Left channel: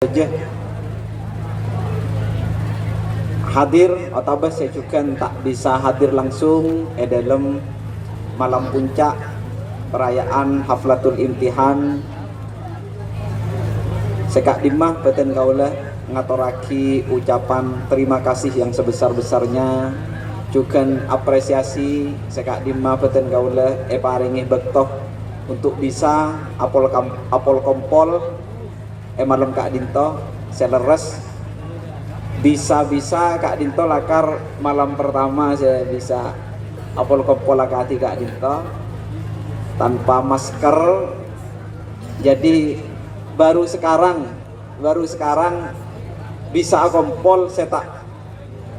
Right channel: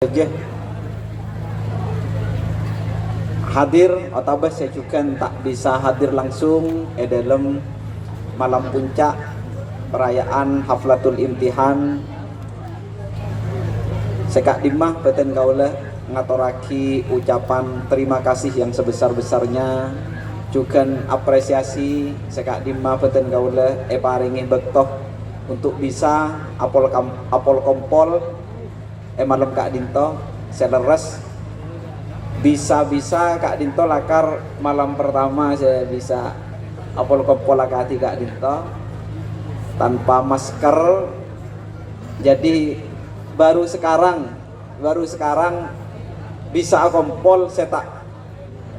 saja hadir atau saya juga tak bisa hadir langsung dalam malam puncak perayaan Haflatul Imtihan. Sekak dimah beten kaula ngaturaki ucapan terima kasih yang sebesar-besarnya, juga apresiasi sekak dimah beten kaula paringi bektoh untuk bisa apol kompol malam Kak Dinto seleres bisa Kak Dinto lakar malam pertama saya bisa apol kompol lakati Kak Dinto tanpa masker. Jadi baru sekarang bisa kompol saya tak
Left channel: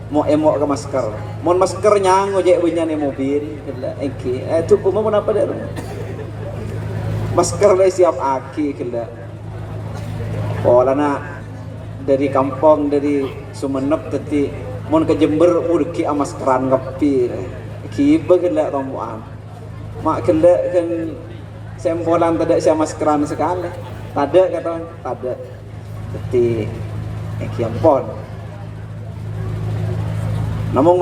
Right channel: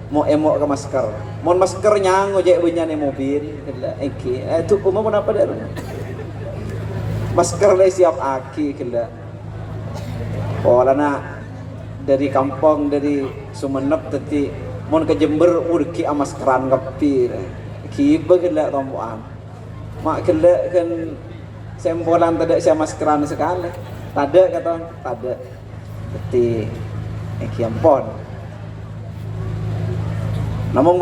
mau emok ke masker. Mon maskernya ngojek bunyane mobil. Itu umum kenapa dah? Masker le siap aki kela. Lana dari kampung dari Sumenep tadi mon ke Jember urki amaskeran ngapi kiba kela tomboan mak kela kan sempolan tidak sia maskeran sekali tada kata tada tadi kiampon namun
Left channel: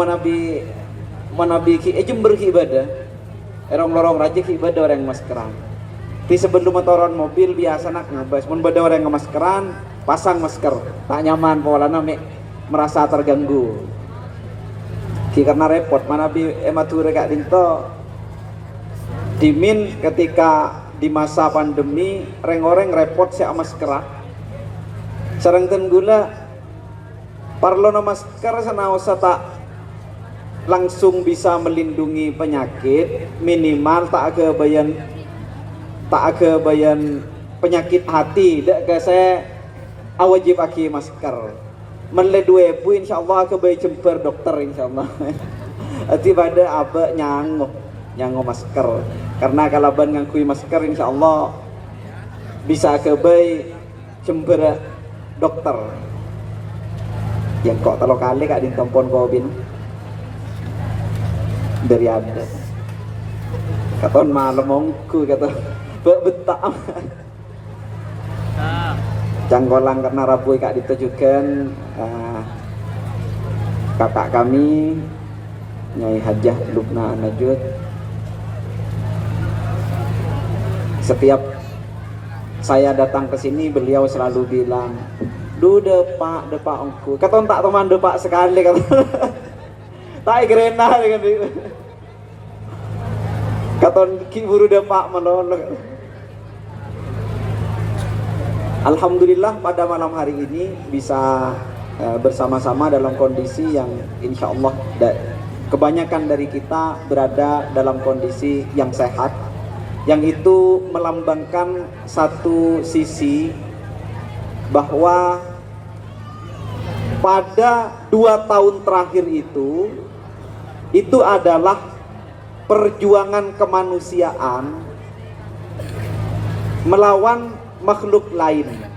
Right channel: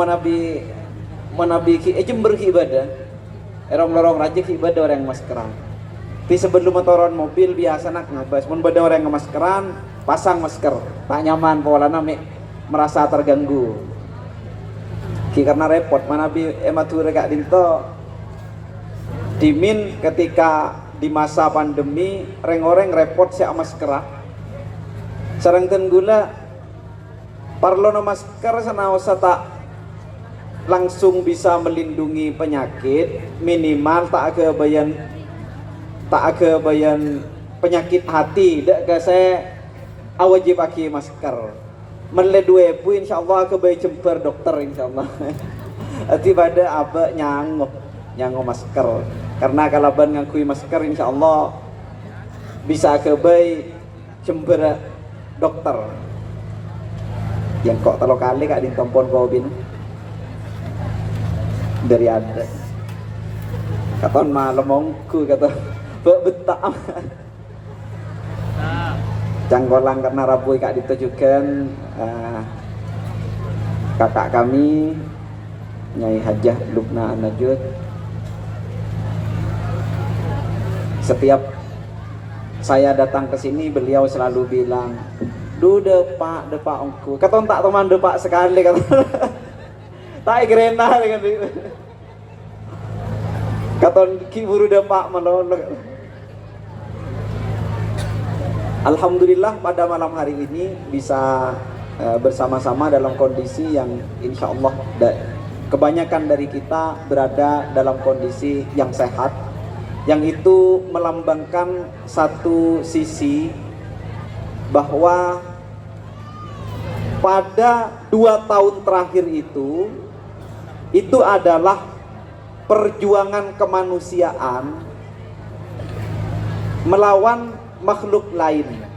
manabi ki Jember ki ibadah lorong raja ki ibadah orang maskeran. Di sebelum motoran mobil biasa nak ngabas, mun beda orang yang maskeran, pasang masker, tak nyaman polana merasa terganggu. Karena repot, mana bi emature Kak Dinto dimin ketika di masa pandemi reng-oreng repot sia maskeran. Sareng tenggula parlono masker sanaosa tak langsung bisa melindungi penyakit, minimal tak kebayan penyakit hati dak ke saya wajib pakai masker menle dua pu insyaallah ke bayi jemper dokter insyaallah ati pada apa nyango masker karena kalaban ngakui masker insyaallah bisa ke bayi jemper dokter yang kok telo kali Kak ditompon kobin dari ada katon malam mongku kata betak canggolang karena Rabu Kak ditujukan kakak kami Nyai Hajah Lubna Najud. Setiap saya datang ke sini beliau selalu bilang depak ongku katon tak teman depak sekali kata tak gerena dengan katon ki buru depak menolong. Alhamdulillah pada malam hari ini bisa bersama-sama dalam kondisi yang insya Allah kebanyakan dari kita berada dalam kondisi yang sehat, yang itu melambangkan satu sisi bahwa pada 2 tahun terakhir itu adalah perjuangan kemanusiaan melawan makhluk lain.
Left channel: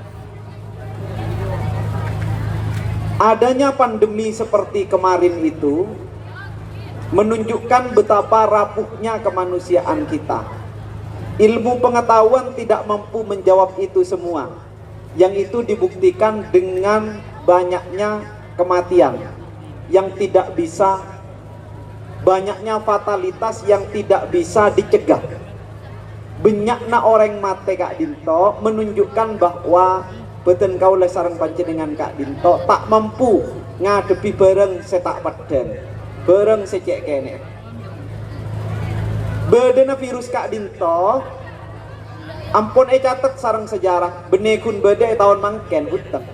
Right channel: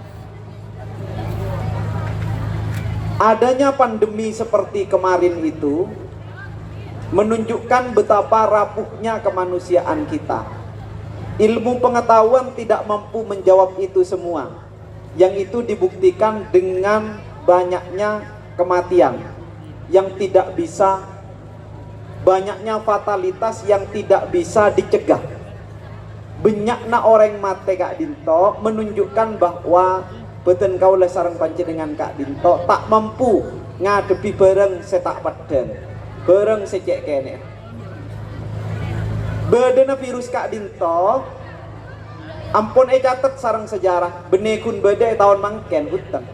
Adanya pandemi seperti kemarin itu menunjukkan betapa rapuhnya kemanusiaan kita. Ilmu pengetahuan tidak mampu menjawab itu semua. Yang itu dibuktikan dengan banyaknya kematian yang tidak bisa, banyaknya fatalitas yang tidak bisa dicegah. Benyakna orang mate Kak Dinto menunjukkan bahwa beten kaula sareng panjenengan Kak Dinto tak mampu ngadepi bareng setak padan, bareng secek kene. Bedena virus Kak Dinto ampun catet sareng sejarah benekun beda tahun mangken utang.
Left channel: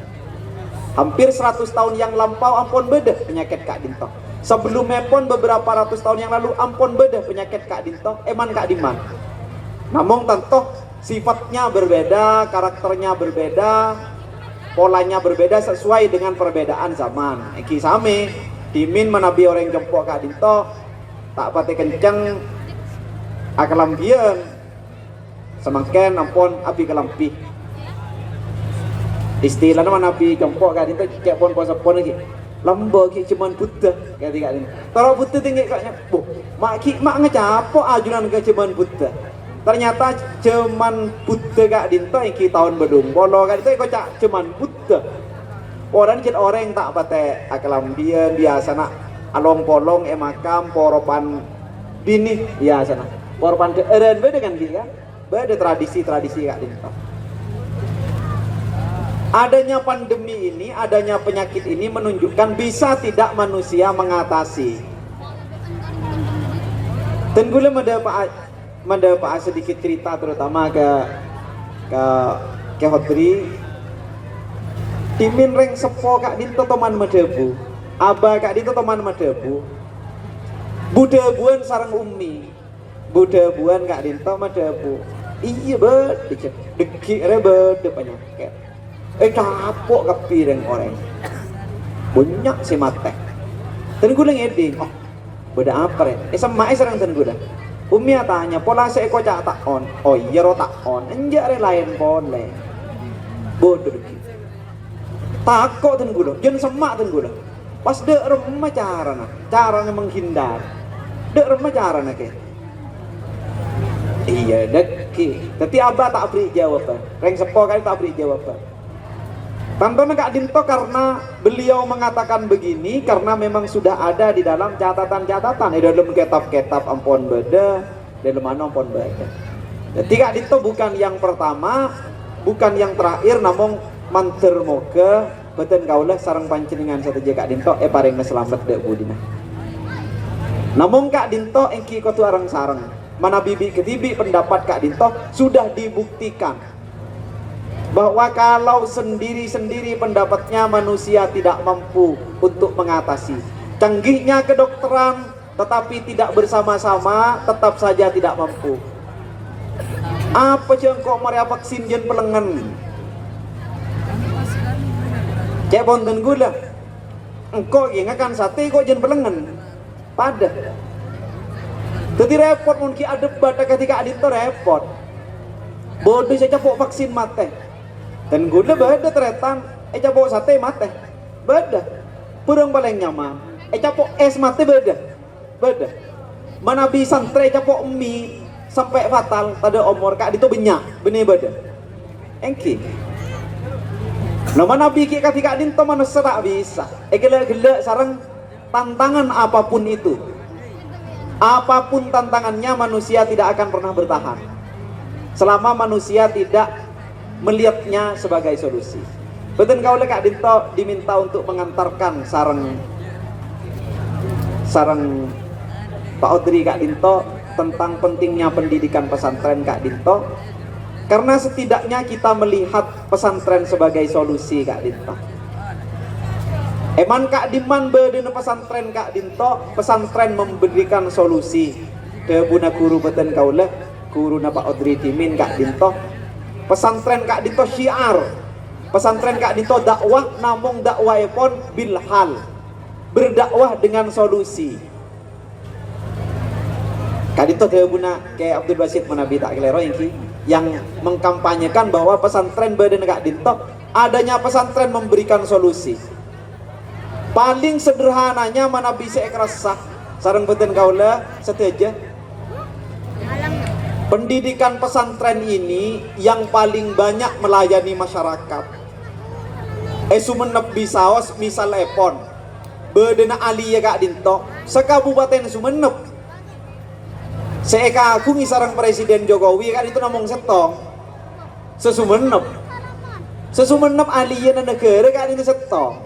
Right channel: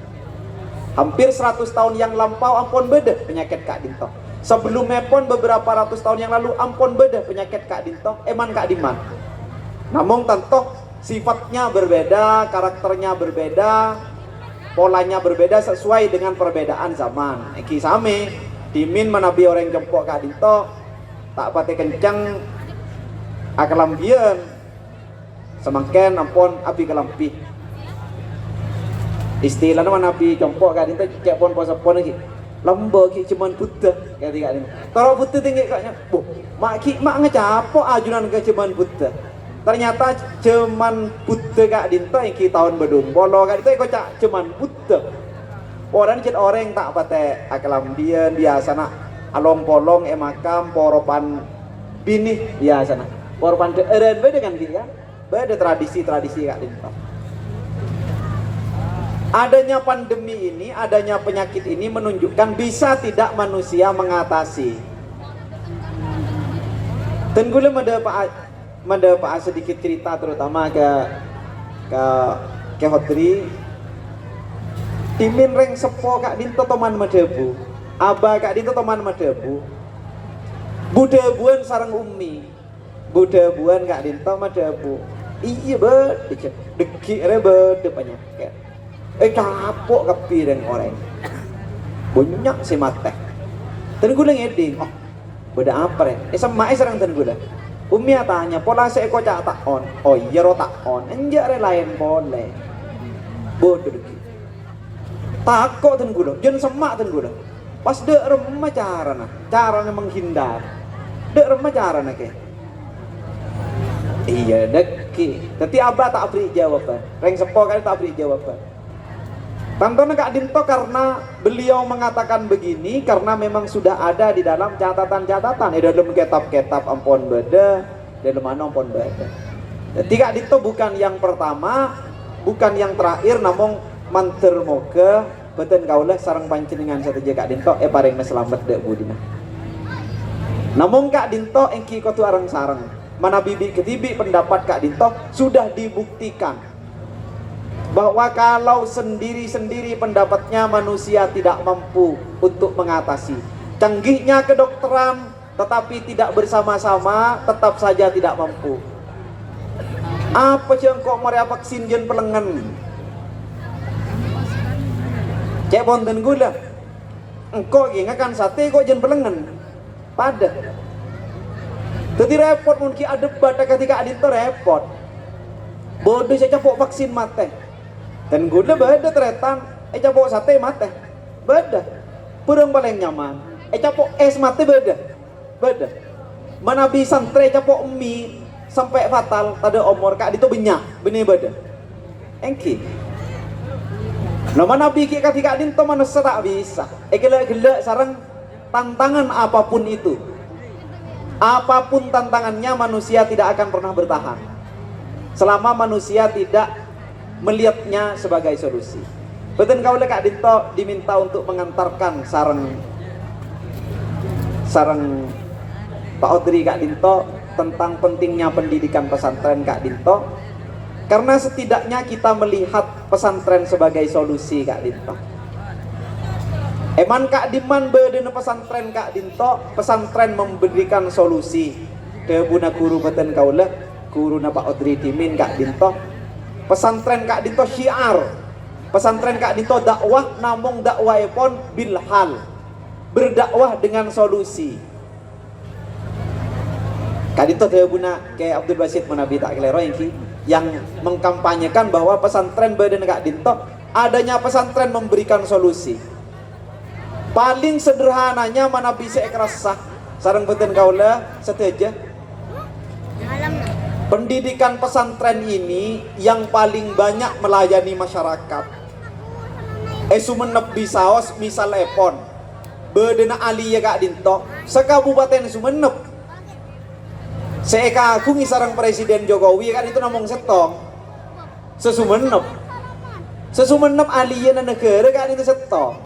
Hampir 100 tahun yang lampau ampun beda penyakit Kak Dinto. Sebelumnya pun beberapa ratus tahun yang lalu ampun beda penyakit Kak Dinto, eman Kak Diman. Namun tentu sifatnya berbeda, karakternya berbeda, polanya berbeda sesuai dengan perbedaan zaman. Iki sami dimin menabi orang jempok Kak Dinto tak pati kencang akalampian semakin ampun api kelampi. Istilahnya menabi jempok Kak Dinto cek pon pon lagi. Lembo ki cuman buta kali Kak Dinto. Kalau buta tinggi kaknya, mak ngecapok ajunan ke cuman buta. Ternyata cuman buta Kak Dinto yang kita tahun bedung bolo Kak Dinto kok cuman buta. Orang jet orang tak pate akelambian biasa nak along polong emakam poropan bini biasa nak poropan eren beda kan dia kan beda tradisi Kak Dinto. Adanya pandemi ini, adanya penyakit ini menunjukkan bisa tidak manusia mengatasi. Tenggule Pak sedikit cerita terutama ke Hotri. Timin reng sepo Kak Dinto teman medebu, aba Kak Dinto teman medebu. Budebuan sarang umi, budebuan Kak Dinto medebu. Iya bet, deki bede penyakit. Kapok kepireng orang, banyak si mata. Tenggule ngeding, oh beda apa ya? Sama serang tenggule. Umi tanya, pola seeko cak tak on, oh iya ro tak on, enjak lain boleh. Bodoh deki. Takut tenggule, jangan semak tenggule. Pas dek remah caranya menghindar. Dek remah caranya ke. Iya deki. Tapi abah tak beri jawaban. Reng sepo kali tak beri jawaban. Tantona Kak Dinto karena beliau mengatakan begini karena memang sudah ada di dalam catatan-catatan, di dalam kitab-kitab ampun beda, dalam mana ampun beda. Jadi Kak Dinto bukan yang pertama, bukan yang terakhir, namun manter moga beten kaulah sarang pancingan sateja Kak Dinto paring selamat dek budina. Namun Kak Dinto engki kotu arang sarang, mana bibi ketibi pendapat Kak Dinto sudah dibuktikan bahwa kalau sendiri-sendiri pendapatnya manusia tidak mampu untuk mengatasi. Canggihnya kedokteran tetapi tidak bersama-sama tetap saja tidak mampu. Apa cengkok maria vaksin jen pelengan? Cek bonten gula. Engkau ingatkan sate kok jen pelengan. Pada. Jadi repot mungkin ada pada ketika adit repot. Bodoh saya capok vaksin mate. Dan gula beda teretan, capok sate mate, beda. Purang paling nyaman, capok es mate beda. Mana bisa santre capok mie sampai fatal, tada umur Kak Dinto benyak, benih beda. Engki. Nah mana bikin Kak Dinto mana serak bisa. Gila sarang tantangan apapun itu. Apapun tantangannya manusia tidak akan pernah bertahan. Selama manusia tidak melihatnya sebagai solusi. Betul kau Kak Dinto diminta untuk mengantarkan sarang Pak Odri Kak Dinto tentang pentingnya pendidikan pesantren Kak Dinto, karena setidaknya kita melihat pesantren sebagai solusi Kak Dinto. Eman Kak Diman bedena pesantren Kak Dinto, pesantren memberikan solusi. Debuna guru betul kau guru Pak Odri Dimin Kak Dinto. Pesantren Kak Dinto syiar, pesantren Kak Dinto dakwah, namun dakwah pun bilhal, berdakwah dengan solusi. Kak Dinto guna kayak Abdul Basit Manabi tak kelero yang mengkampanyekan bahwa pesantren badan Kak Dinto adanya pesantren memberikan solusi. Paling sederhananya mana bisa kerasa sarang beten kaula seteja. Pendidikan pesantren ini yang paling banyak melayani masyarakat. Sumenep bisaos misal epon bedena aliya Kak Dinto sekabupaten Sumenep. Seeka aku ngisarang Presiden Jokowi kan itu namong setong. Sesumenep aliya na negara kan itu setong.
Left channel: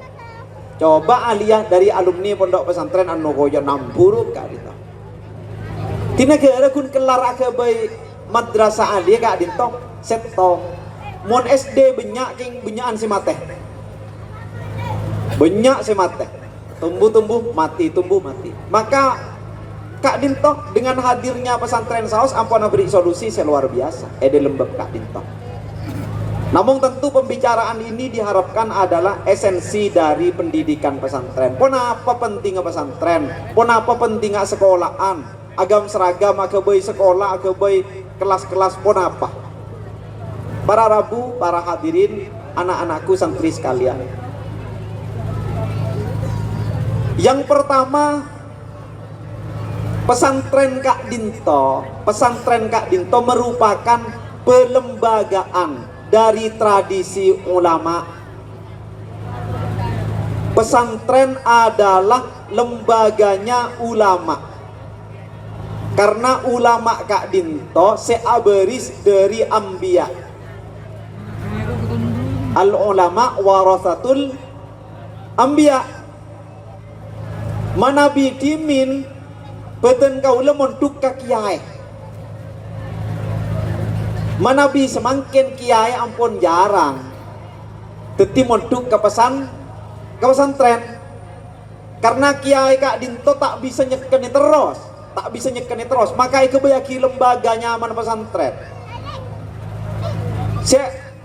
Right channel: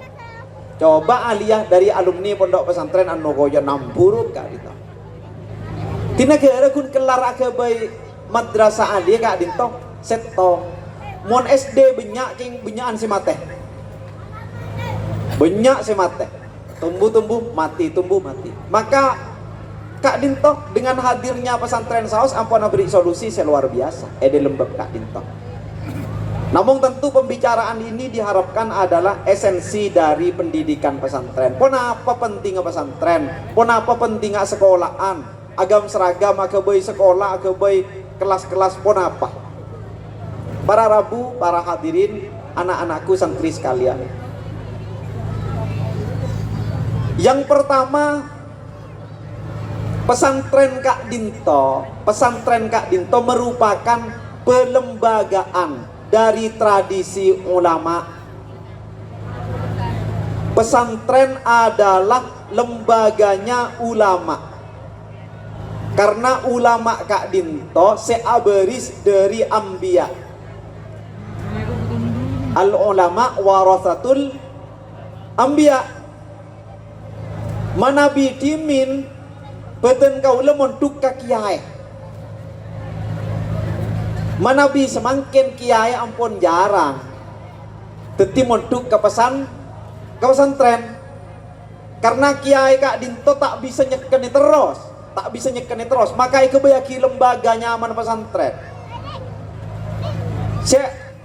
Coba aliyah dari alumni pondok pesantren anu koyo 60 Kak Dinto. Di negara kun kelar agabay madrasah aliyah Kak Dinto setong. Mon SD benyakan si mate. Banyak si mate. Tumbuh mati. Maka Kak Dinto dengan hadirnya pesantren saus ampun beri solusi seluar biasa. Di lembab Kak Dinto. Namun tentu pembicaraan ini diharapkan adalah esensi dari pendidikan pesantren. Kenapa pentingnya pesantren? Kenapa pentingnya sekolahan? Agam seragam, agabay sekolah, agabay kelas-kelas pun apa? Para Rabu, para hadirin, anak-anakku santri sekalian. Yang pertama, pesantren Kak Dinto merupakan pelembagaan dari tradisi ulama. Pesantren adalah lembaganya ulama. Karena ulama Kak Dinto seaberis dari ambiya. Al ulama warasatul ambiya. Manabi dimin beten kaula montuk ka kiai. Manabi semangkin kiai ampun jarang. Teti montuk ke pesantren. Karena kiai Kak Dinto tak bisa nyekeni terus, maka kebayaki lembaga nyaman pesantren.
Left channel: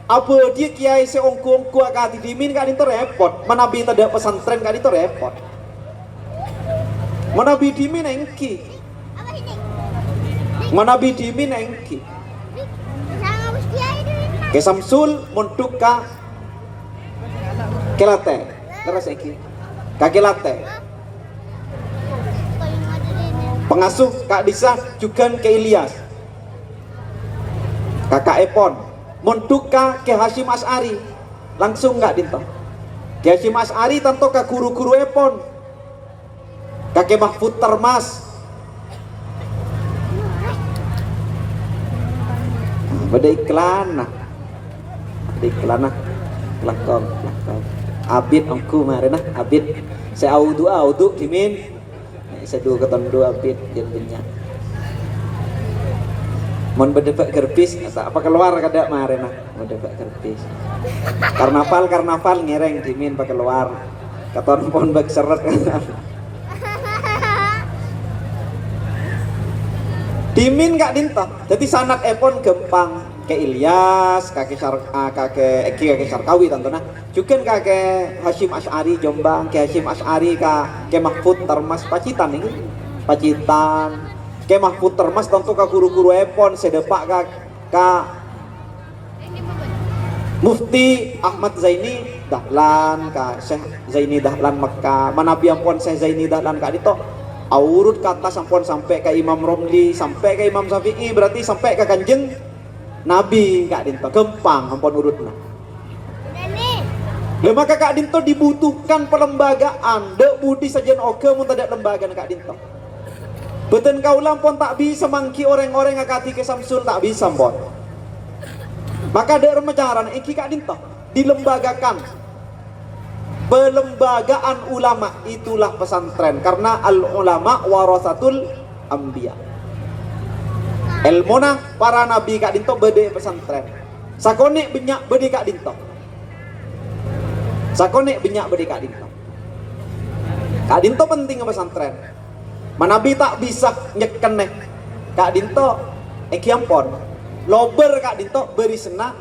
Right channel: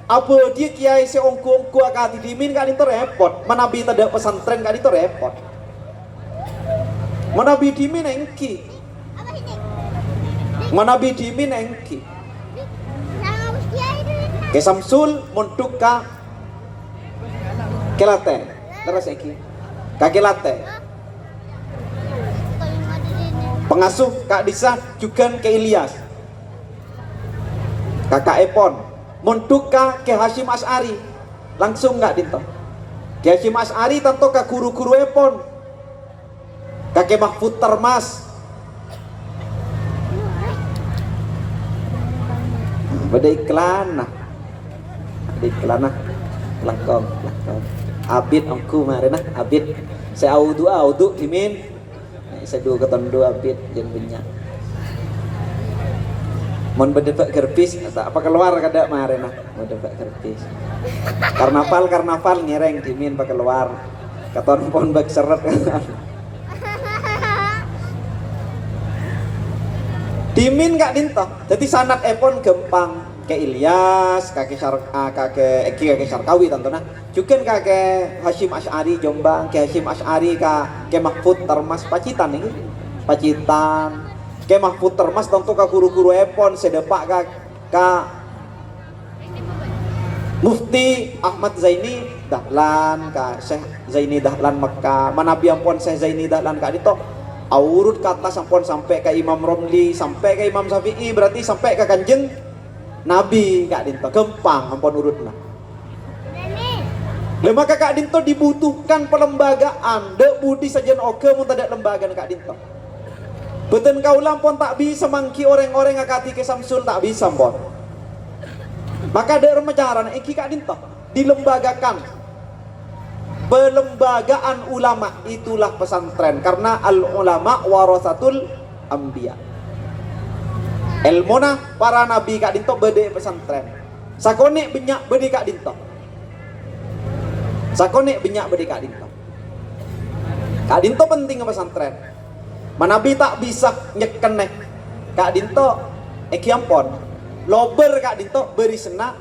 Apa dia kiai ongku akati dimin Kak Dinto repot. Manabi tidak pesantren Kak Dinto repot. Manabi dimin engki. Manabi dimin engki. Ke Samsul montuk ka kelate. Terus iki. Ka kelate. Pengasuh Kak Disa juga ke Ilyas. Kakak Epon montuk ka ke Hashim Asy'ari. Langsung Kak Dinto. Ke Hashim Asy'ari tanto ka guru-guru Epon. Kakek Mahfud Termas. Beda iklan nah. Belakang. Abid aku mari nah, Abid. Saya audu dimin. Saya dua keton dua Abid dan banyak. Mon bedebak gerpis apa keluar kada mari nah, bedebak gerpis. Karnaval ngereng dimin pak keluar. Keton pon bak seret. Dimin Kak Dinto. Jadi sanat epon gempang ke Ilyas, kakek Sarkawi tentunya. Juga kakek Hashim Asy'ari Jombang, ke Hashim Asy'ari ke Mahfud Termas Pacitan ini. Pacitan. Ke Mahfud Termas tentu ka guru-guru epon sedepak ka Mufti Ahmad Zaini Dahlan, ka Syekh Zaini Dahlan Mekah. Manabi ampun Syekh Zaini Dahlan Kak Dinto. Urut ke atas ampun sampai ke Imam Romli, sampai ke Imam Syafi'i, berarti sampai ke Kanjeng Nabi Kak Dinto. Gempang ampun urutnya. Maka Kak Dinto dibutuhkan pelembagaan. Dek budi sajen oke mun tidak lembaga Kak Dinto. Beten kaulah pun tak bisa mangki orang-orang akati ke Samsul tak bisa pun. Maka ada remajaran iki Kak Dinto dilembagakan. Pelembagaan ulama itulah pesantren, karena al ulama warasatul anbiya. Ilmuna para nabi Kak Dinto bede pesantren. Sakone benyak bede Kak Dinto. Sakone benyak bede Kak Dinto. Kak Dinto penting ke pesantren. Manabi tak bisa nyekeneh Kak Dinto ekiampon. Lober Kak Dinto beri sena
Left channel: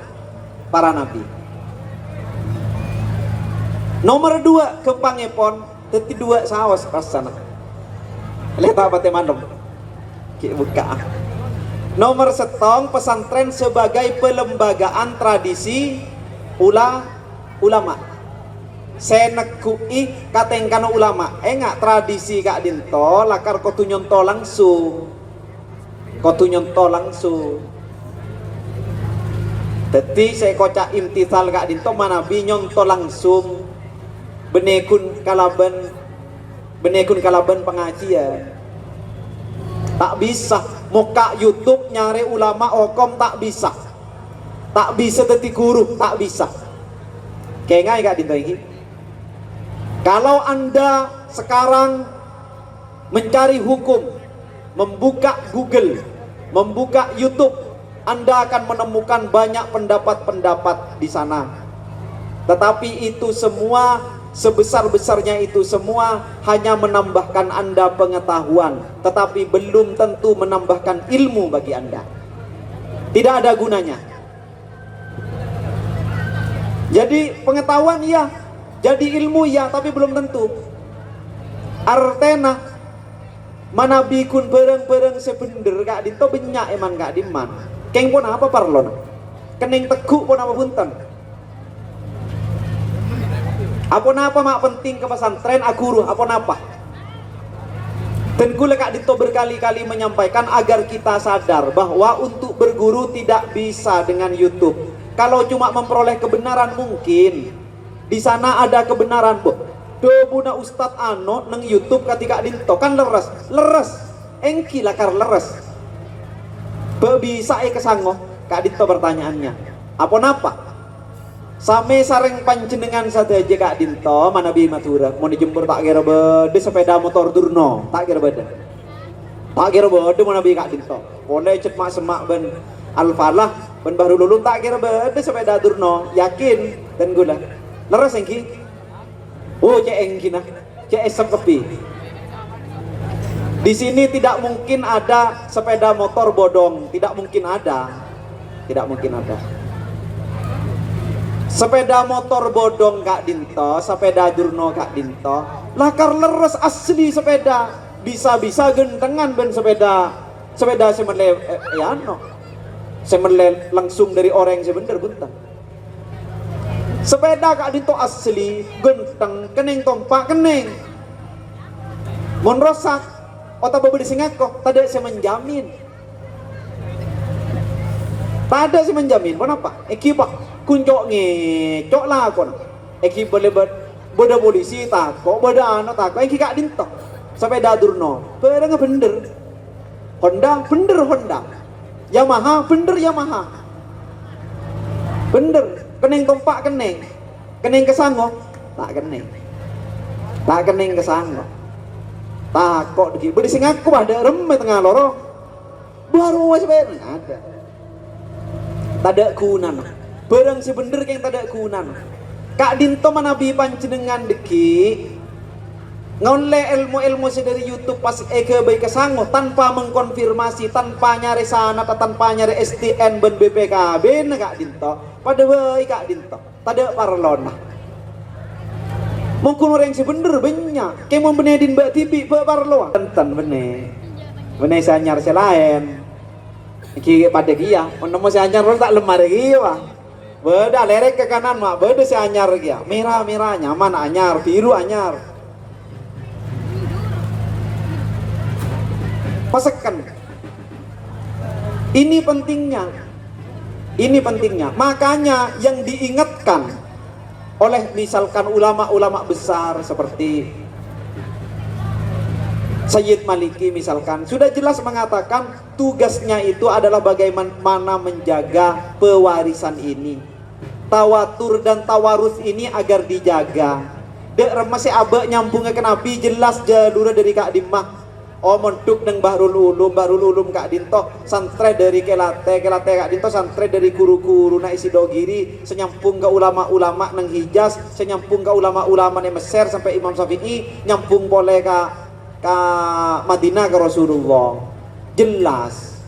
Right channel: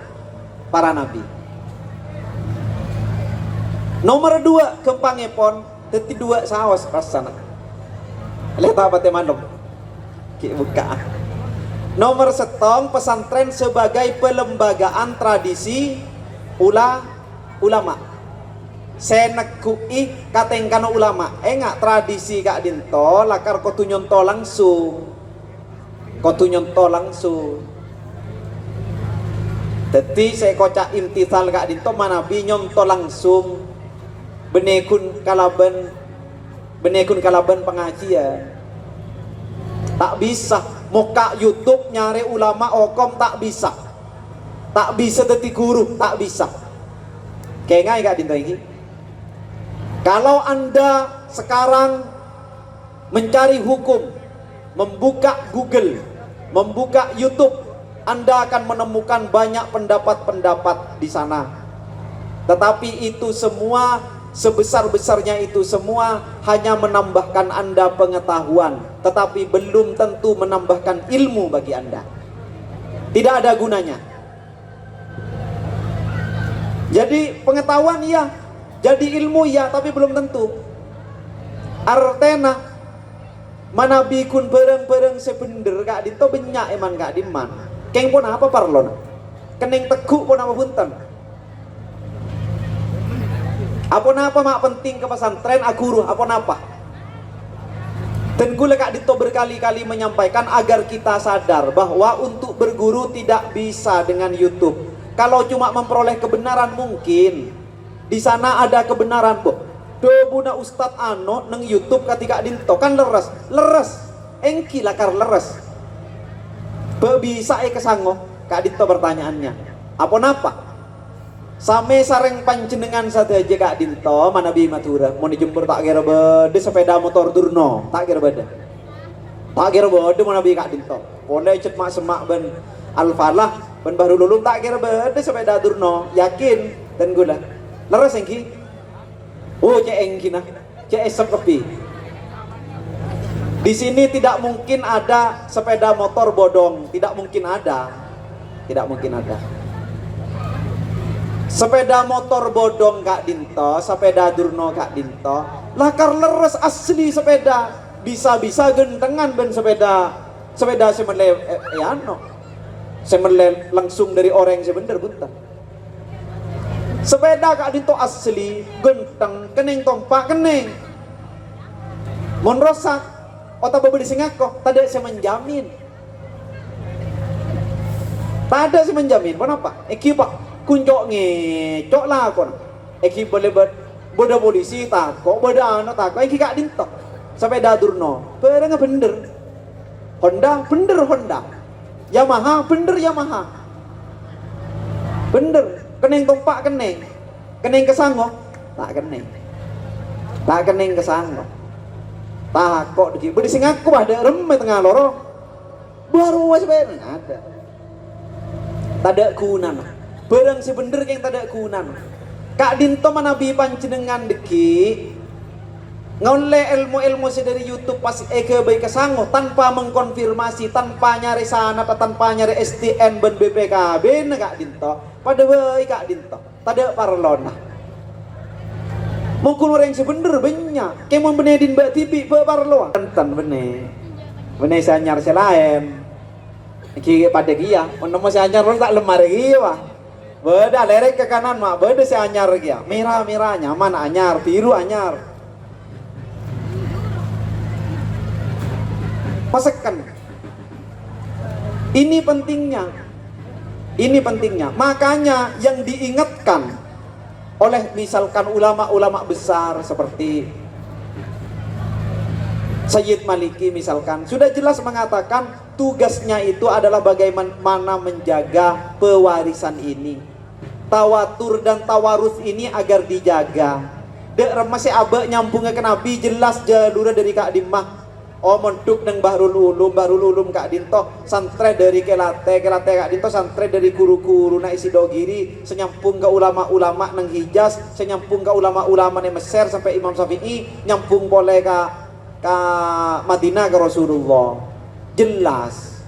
para nabi. Nomor 2 kepangepon teti 2 saos rasana. Lihat apa teman-teman. Ki buka. Nomor 1 pesantren sebagai pelembagaan tradisi ulama. Senekui katengkana ulama. Enggak tradisi Kak Dinto lakar kotu nyonto langsung. Teti saya kocak imtithal Kak Dinto manabi nyonto langsung. Benekun kalaban pengajian. Tak bisa muka YouTube nyari ulama okom tak bisa. Tak bisa teti guru tak bisa. Kayak ngai Kak Dinto ini. Kalau Anda sekarang mencari hukum, membuka Google, membuka YouTube, Anda akan menemukan banyak pendapat-pendapat di sana. Tetapi itu semua, sebesar-besarnya itu semua hanya menambahkan Anda pengetahuan, tetapi belum tentu menambahkan ilmu bagi Anda. Tidak ada gunanya. Jadi pengetahuan iya, jadi ilmu iya, tapi belum tentu. Artena mana bikun bereng-bereng sebender Kak Dinto benyak eman Kak Diman. Keng pun apa parlon? Kening teguk pun apa bunten? Apa mak penting ke pesantren aguru apa napa? Dan Dan gula Kak Dito berkali-kali menyampaikan agar kita sadar bahwa untuk berguru tidak bisa dengan YouTube. Kalau cuma memperoleh kebenaran mungkin. Di sana ada kebenaran, Bu. Dobuna Ustadz Ano neng YouTube ketika Dinto kan leres. Engki lakar leres. Bisa kesango Kak Dinto pertanyaannya. Apa napa? Same sareng panjenengan saja Kak Dinto mana bi matura mau dijemput tak kira bede sepeda motor durno tak kira bede mana bi Kak Dinto boleh cet mak semak ben alfalah ben baru lulum tak kira bede sepeda durno yakin dan gula leres engki cek engki nah cek esok kepi di sini tidak mungkin ada sepeda motor bodong tidak mungkin ada sepeda motor bodong Kak Dinto, sepeda durno Kak Dinto, lakar leres asli sepeda, bisa gentengan ben sepeda semerle langsung dari orang sebener bunta. Sepeda Kak Dinto asli, genteng, keneng tompak keneng, mon rosak, otak bebeli singako, tadi saya menjamin, kenapa? Pak. Kunjok ngecok lah kon. Eki boleh boda polisi tako, boda anak tako. Eki Kak Dinto. Sepeda durno. Bener bener. Honda. Yamaha bener Yamaha. Bener. Keneng tompak keneng. Keneng kesango. Tak keneng kesango. Tako diki. Bodi sing aku ada remeh tengah loro. Baru sepeda ada. Tada kunan. Barang sebener yang tidak kunan. Kak Dinto manabi panjenengan deki ngole ilmu dari YouTube pas eke baik kesango tanpa mengkonfirmasi, tanpa nyari sana, tanpa nyari STN ben BPKB Kak Dinto. Pada baik Kak Dinto, tidak parlona. Mungkin orang sebener banyak. Kayak mau benedin Mbak TV parlo. Tenten bene sanyar selain. Iki pada dia, mau sanyar tak lemar dia wah. Beda lerek ke kanan mak, beda si anyar ya. Merah nyaman anyar, biru anyar. Pasekan. Ini pentingnya. Makanya yang diingatkan oleh misalkan ulama-ulama besar seperti Sayyid Maliki misalkan sudah jelas mengatakan tugasnya itu adalah bagaimana menjaga pewarisan ini. Tawatur dan tawarus ini agar dijaga. Dek masih abak nyambungnya ke Nabi jelas jalurnya dari Kak Dimah. Monduk neng Bahrul Ulum Kak Dinto santre dari kelate Kak Dinto santre dari guru-guru na isi dogiri senyampung ke ulama-ulama neng Hijaz, senyampung ke ulama-ulama neng Mesir sampai Imam Syafi'i, nyambung boleh ke Madinah ke Rasulullah. Jelas.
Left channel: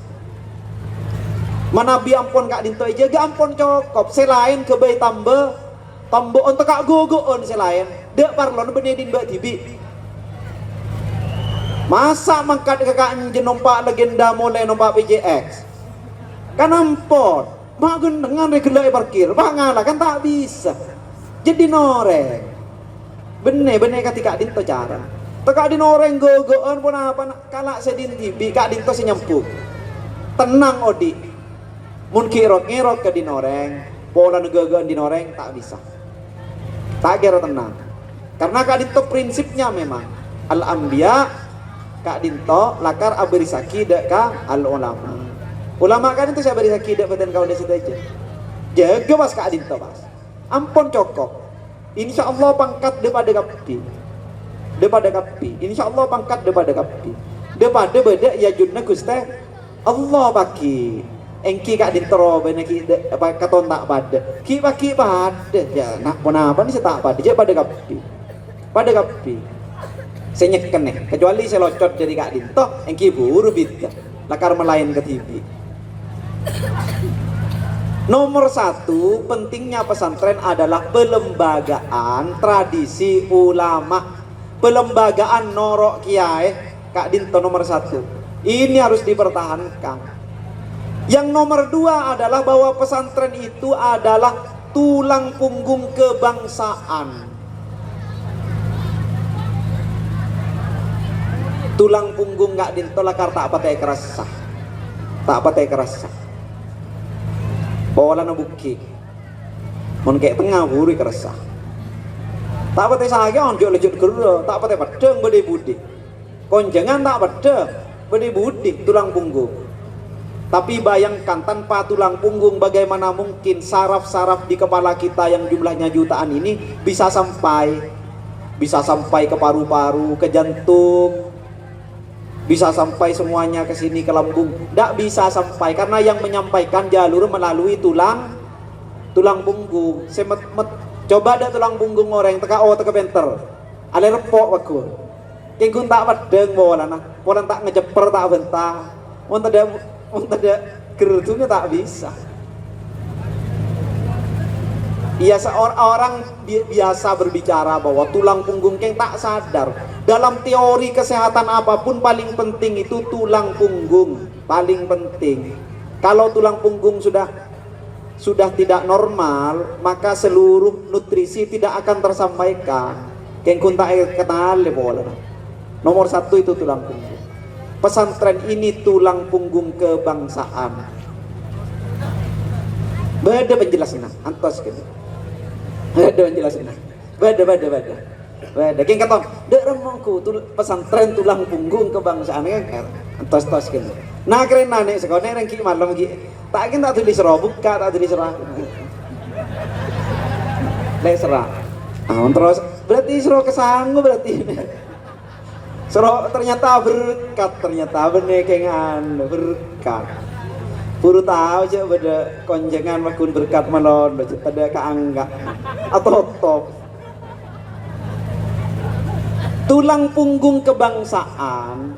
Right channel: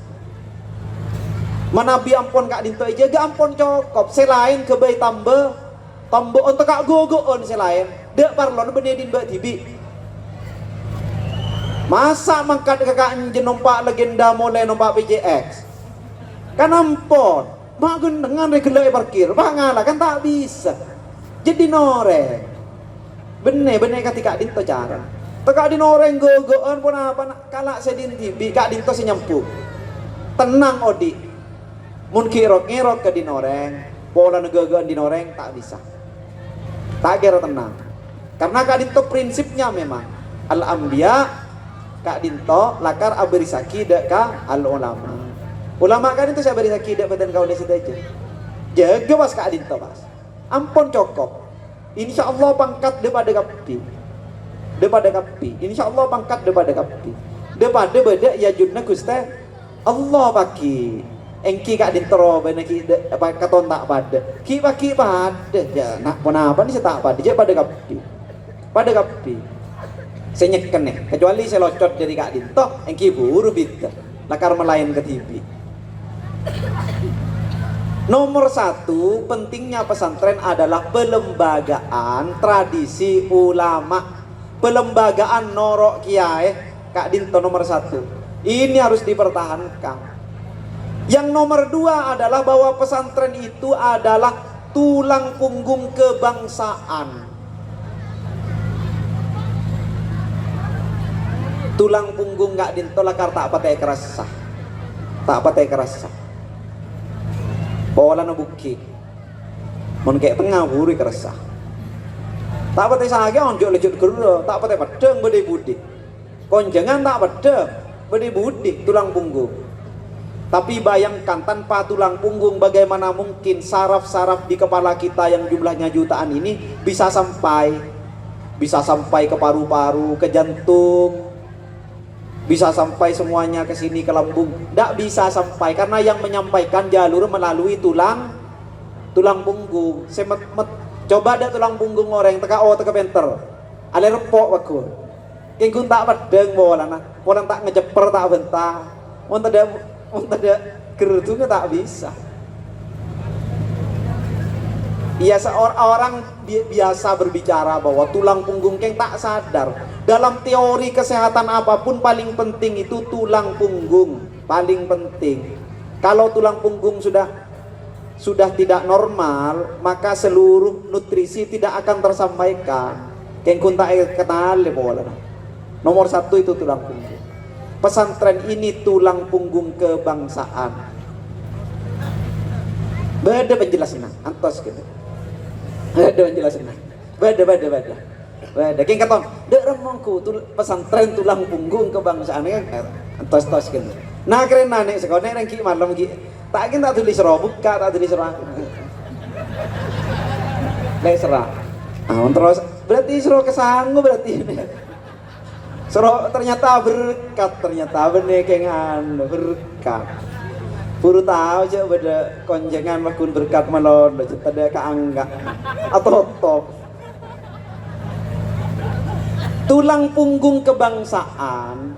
Manabi ampun Kak Dinto jaga ampun cokop selain ke bayi tambe untuk Kak gogoon selain dek parlon benedin Mbak Tibi masa mangkat ke Kak numpak legenda mulai numpak PJX kan ampun magun dengan regulai parkir ngalah kan tak bisa jadi noreng bener ketika Kak Dinto cara Kak Dinto orang gogoon pun apa kalak sedin Tibi Kak Dinto senyampu tenang Odi mun kirot ke dinoreng pola negagaan dinoreng tak bisa tak kira tenang karena Kak Dinto prinsipnya memang al-anbiya Kak Dinto lakar aberisaki dek ka ulama kan itu saya berisaki dek badan kau desa aja jaga pas Kak Dinto pas ampun cokok insya Allah pangkat daripada kapi insya Allah pangkat daripada kapi daripada beda ya judna guste Allah baki engki Kak Dinto bener ki apa katon tak pada ki pada ya nak apa ni saya tak pada je pada kapi saya nyeken nih kecuali saya locot dari Kak Dinto engki buru bit lakar melayan ke TV. Nomor 1 pentingnya pesantren adalah pelembagaan tradisi ulama, pelembagaan norok kiai. Kak Dinto nomor 1 ini harus dipertahankan. Yang nomor 2 adalah bahwa pesantren itu adalah tulang punggung kebangsaan. tulang punggung nggak dintolakar tak pakai kerasa, tak pakai kerasa. Bawa lana buki, mon kayak tengah buri kerasa. Tak pakai saja onjok lejut gero, tak pakai pedang bede budi. Konjangan tak pedang bede budi tulang punggung. Tapi bayangkan tanpa tulang punggung bagaimana mungkin saraf-saraf di kepala kita yang jumlahnya jutaan ini bisa sampai ke paru-paru, ke jantung, bisa sampai semuanya ke sini ke lambung. Tidak bisa sampai karena yang menyampaikan jalur melalui tulang punggung. Coba ada tulang punggung orang teka penter. Ale repok aku. Kengkun tak pedeng bolana, bolan tak ngejeper tak bentah. Untuk gerutungnya tak bisa. Iya, seorang biasa berbicara bahwa tulang punggung keng tak sadar. Dalam teori kesehatan apapun paling penting itu tulang punggung, paling penting. Kalau tulang punggung sudah tidak normal, maka seluruh nutrisi tidak akan tersampaikan. Keng kun tak kenal bola. Nomor satu itu tulang punggung. Pesantren ini tulang punggung kebangsaan. Beda penjelasannya, antos gitu. Beda penjelasannya. Beda. Keng kata, dek remongku pesantren tulang punggung kebangsaan kan, antos gitu. Nah keren nek sekolah nek ki malam ki, tak tulis serah buka, tak tulis serah. Nek serah. Terus berarti serah kesanggup berarti ini. Serok ternyata berkat, ternyata benekengan berkat. Puru tahu aja beda konjengan makun berkat melon, cerita dia keangga atau top. Tulang punggung kebangsaan,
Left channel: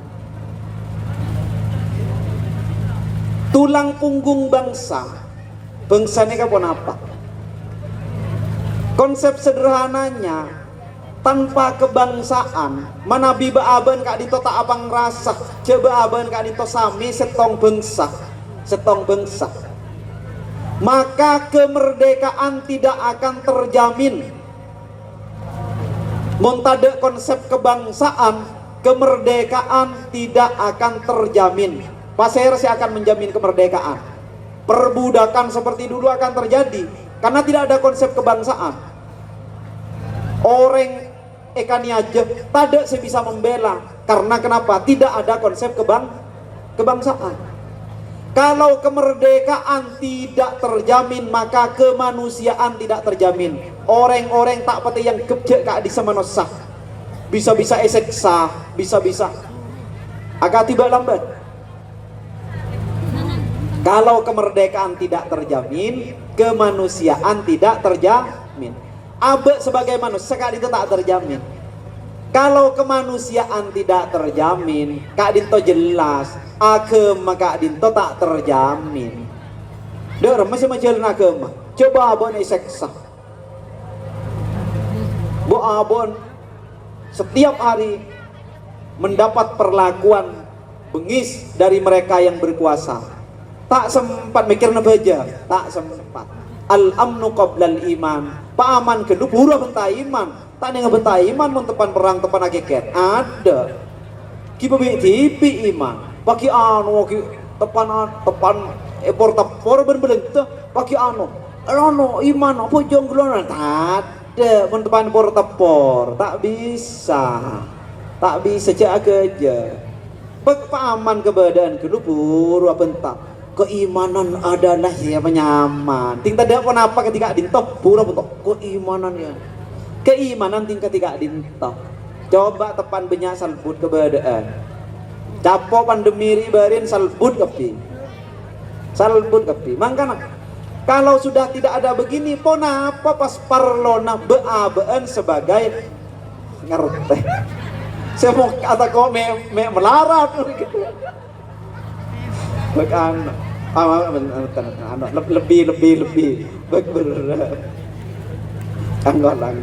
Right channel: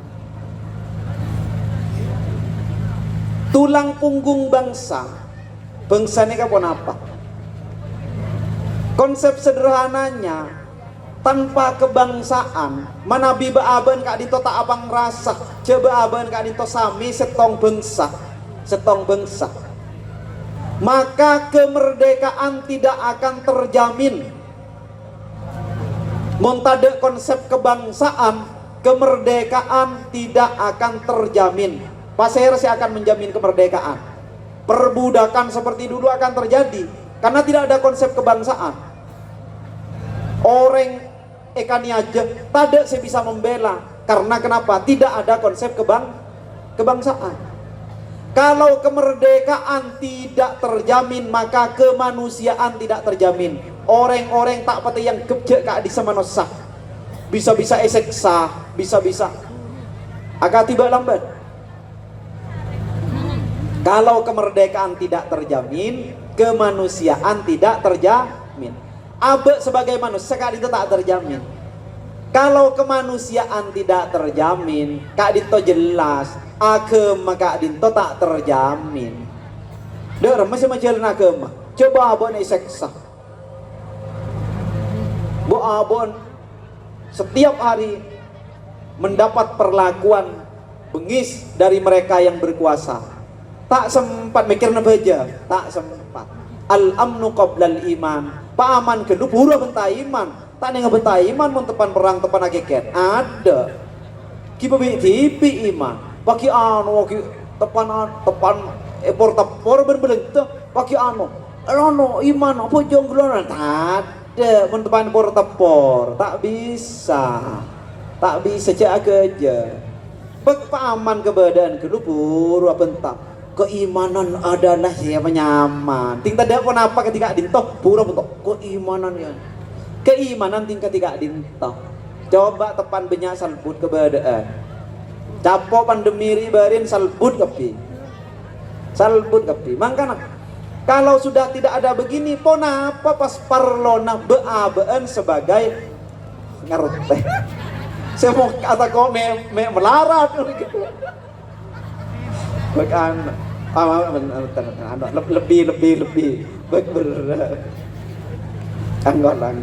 tulang punggung bangsa ini kapan apa? Konsep sederhananya, tanpa kebangsaan manabi baaban kak dito tak abang rasa coba aban kak dito sami setong bangsa maka kemerdekaan tidak akan terjamin. Montade konsep kebangsaan, kemerdekaan tidak akan terjamin. Pasir akan menjamin kemerdekaan. Perbudakan seperti dulu akan terjadi karena tidak ada konsep kebangsaan. Orang ekani aja tidak saya bisa membela karena kenapa? Tidak ada konsep kebangsaan. Kalau kemerdekaan tidak terjamin maka kemanusiaan tidak terjamin. Orang-orang tak pati yang kebjek kak di semanosah bisa-bisa eseksa, bisa-bisa agak tiba lambat. Kalau kemerdekaan tidak terjamin, kemanusiaan tidak terjamin. Abe sebagai manusia kak itu tak terjamin. Kalau kemanusiaan tidak terjamin, kak Dinto jelas agama kak Dinto tak terjamin. Dengar masih menjalan agama. Coba abon seksa. Bu abon setiap hari mendapat perlakuan bengis dari mereka yang berkuasa. Tak sempat mikir nebaja, tak sempat. Al-amnu qoblal iman. Paman kedua pura bentai iman. Tak nih ngebentai iman mun tepan perang tepan ageket. Ada. Ki bebi tipi iman. Paki anu ki tepan epor berbeleng tuh paki anu. Anu iman apa jongglon ada mun tepan epor tepor. Tak bisa. Tak bisa cek aja. Paman kebadan kedua pura bentak. Keimanan adalah siapa nyaman. Ting tadi apa napa ketika dintoh pura bentuk keimanan ya. Keimanan tingkat tiga dintoh. Coba tepan banyak salbut keberadaan. Capo pandemi ribarin salbut kepi. Makanya kalau sudah tidak ada begini, pon apa pas parlona beabaan sebagai ngerti. Semua kata kau melarat gitu. Bagan lebih berat. Anggolang.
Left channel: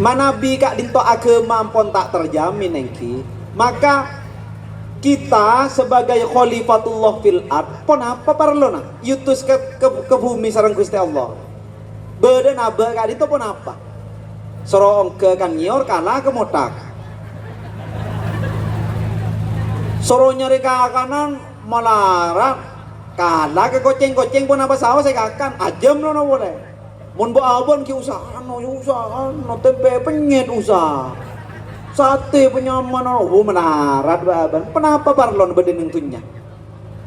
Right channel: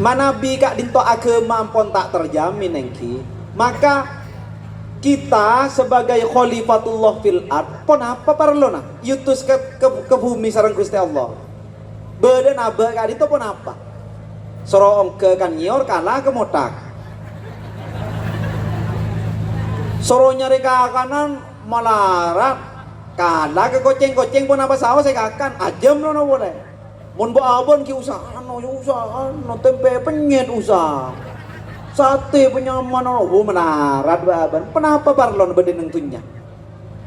Manabi kak dinto agama ampun tak terjamin engki, maka kita sebagai khalifatullah fil ard pon apa parlona yutus ke bumi sareng Gusti Allah. Badan abah kak dinto pon apa? Soro ongke kan nyor kalah ke motak. Soro nyari ke kanan melarat kalah ke koceng pun apa sawo saya kakan ajem lo no boleh. Mun bo abon ki usaha no tempe penyet usaha. Sate penyaman oh menarat baban. Kenapa barlon beden tentunya?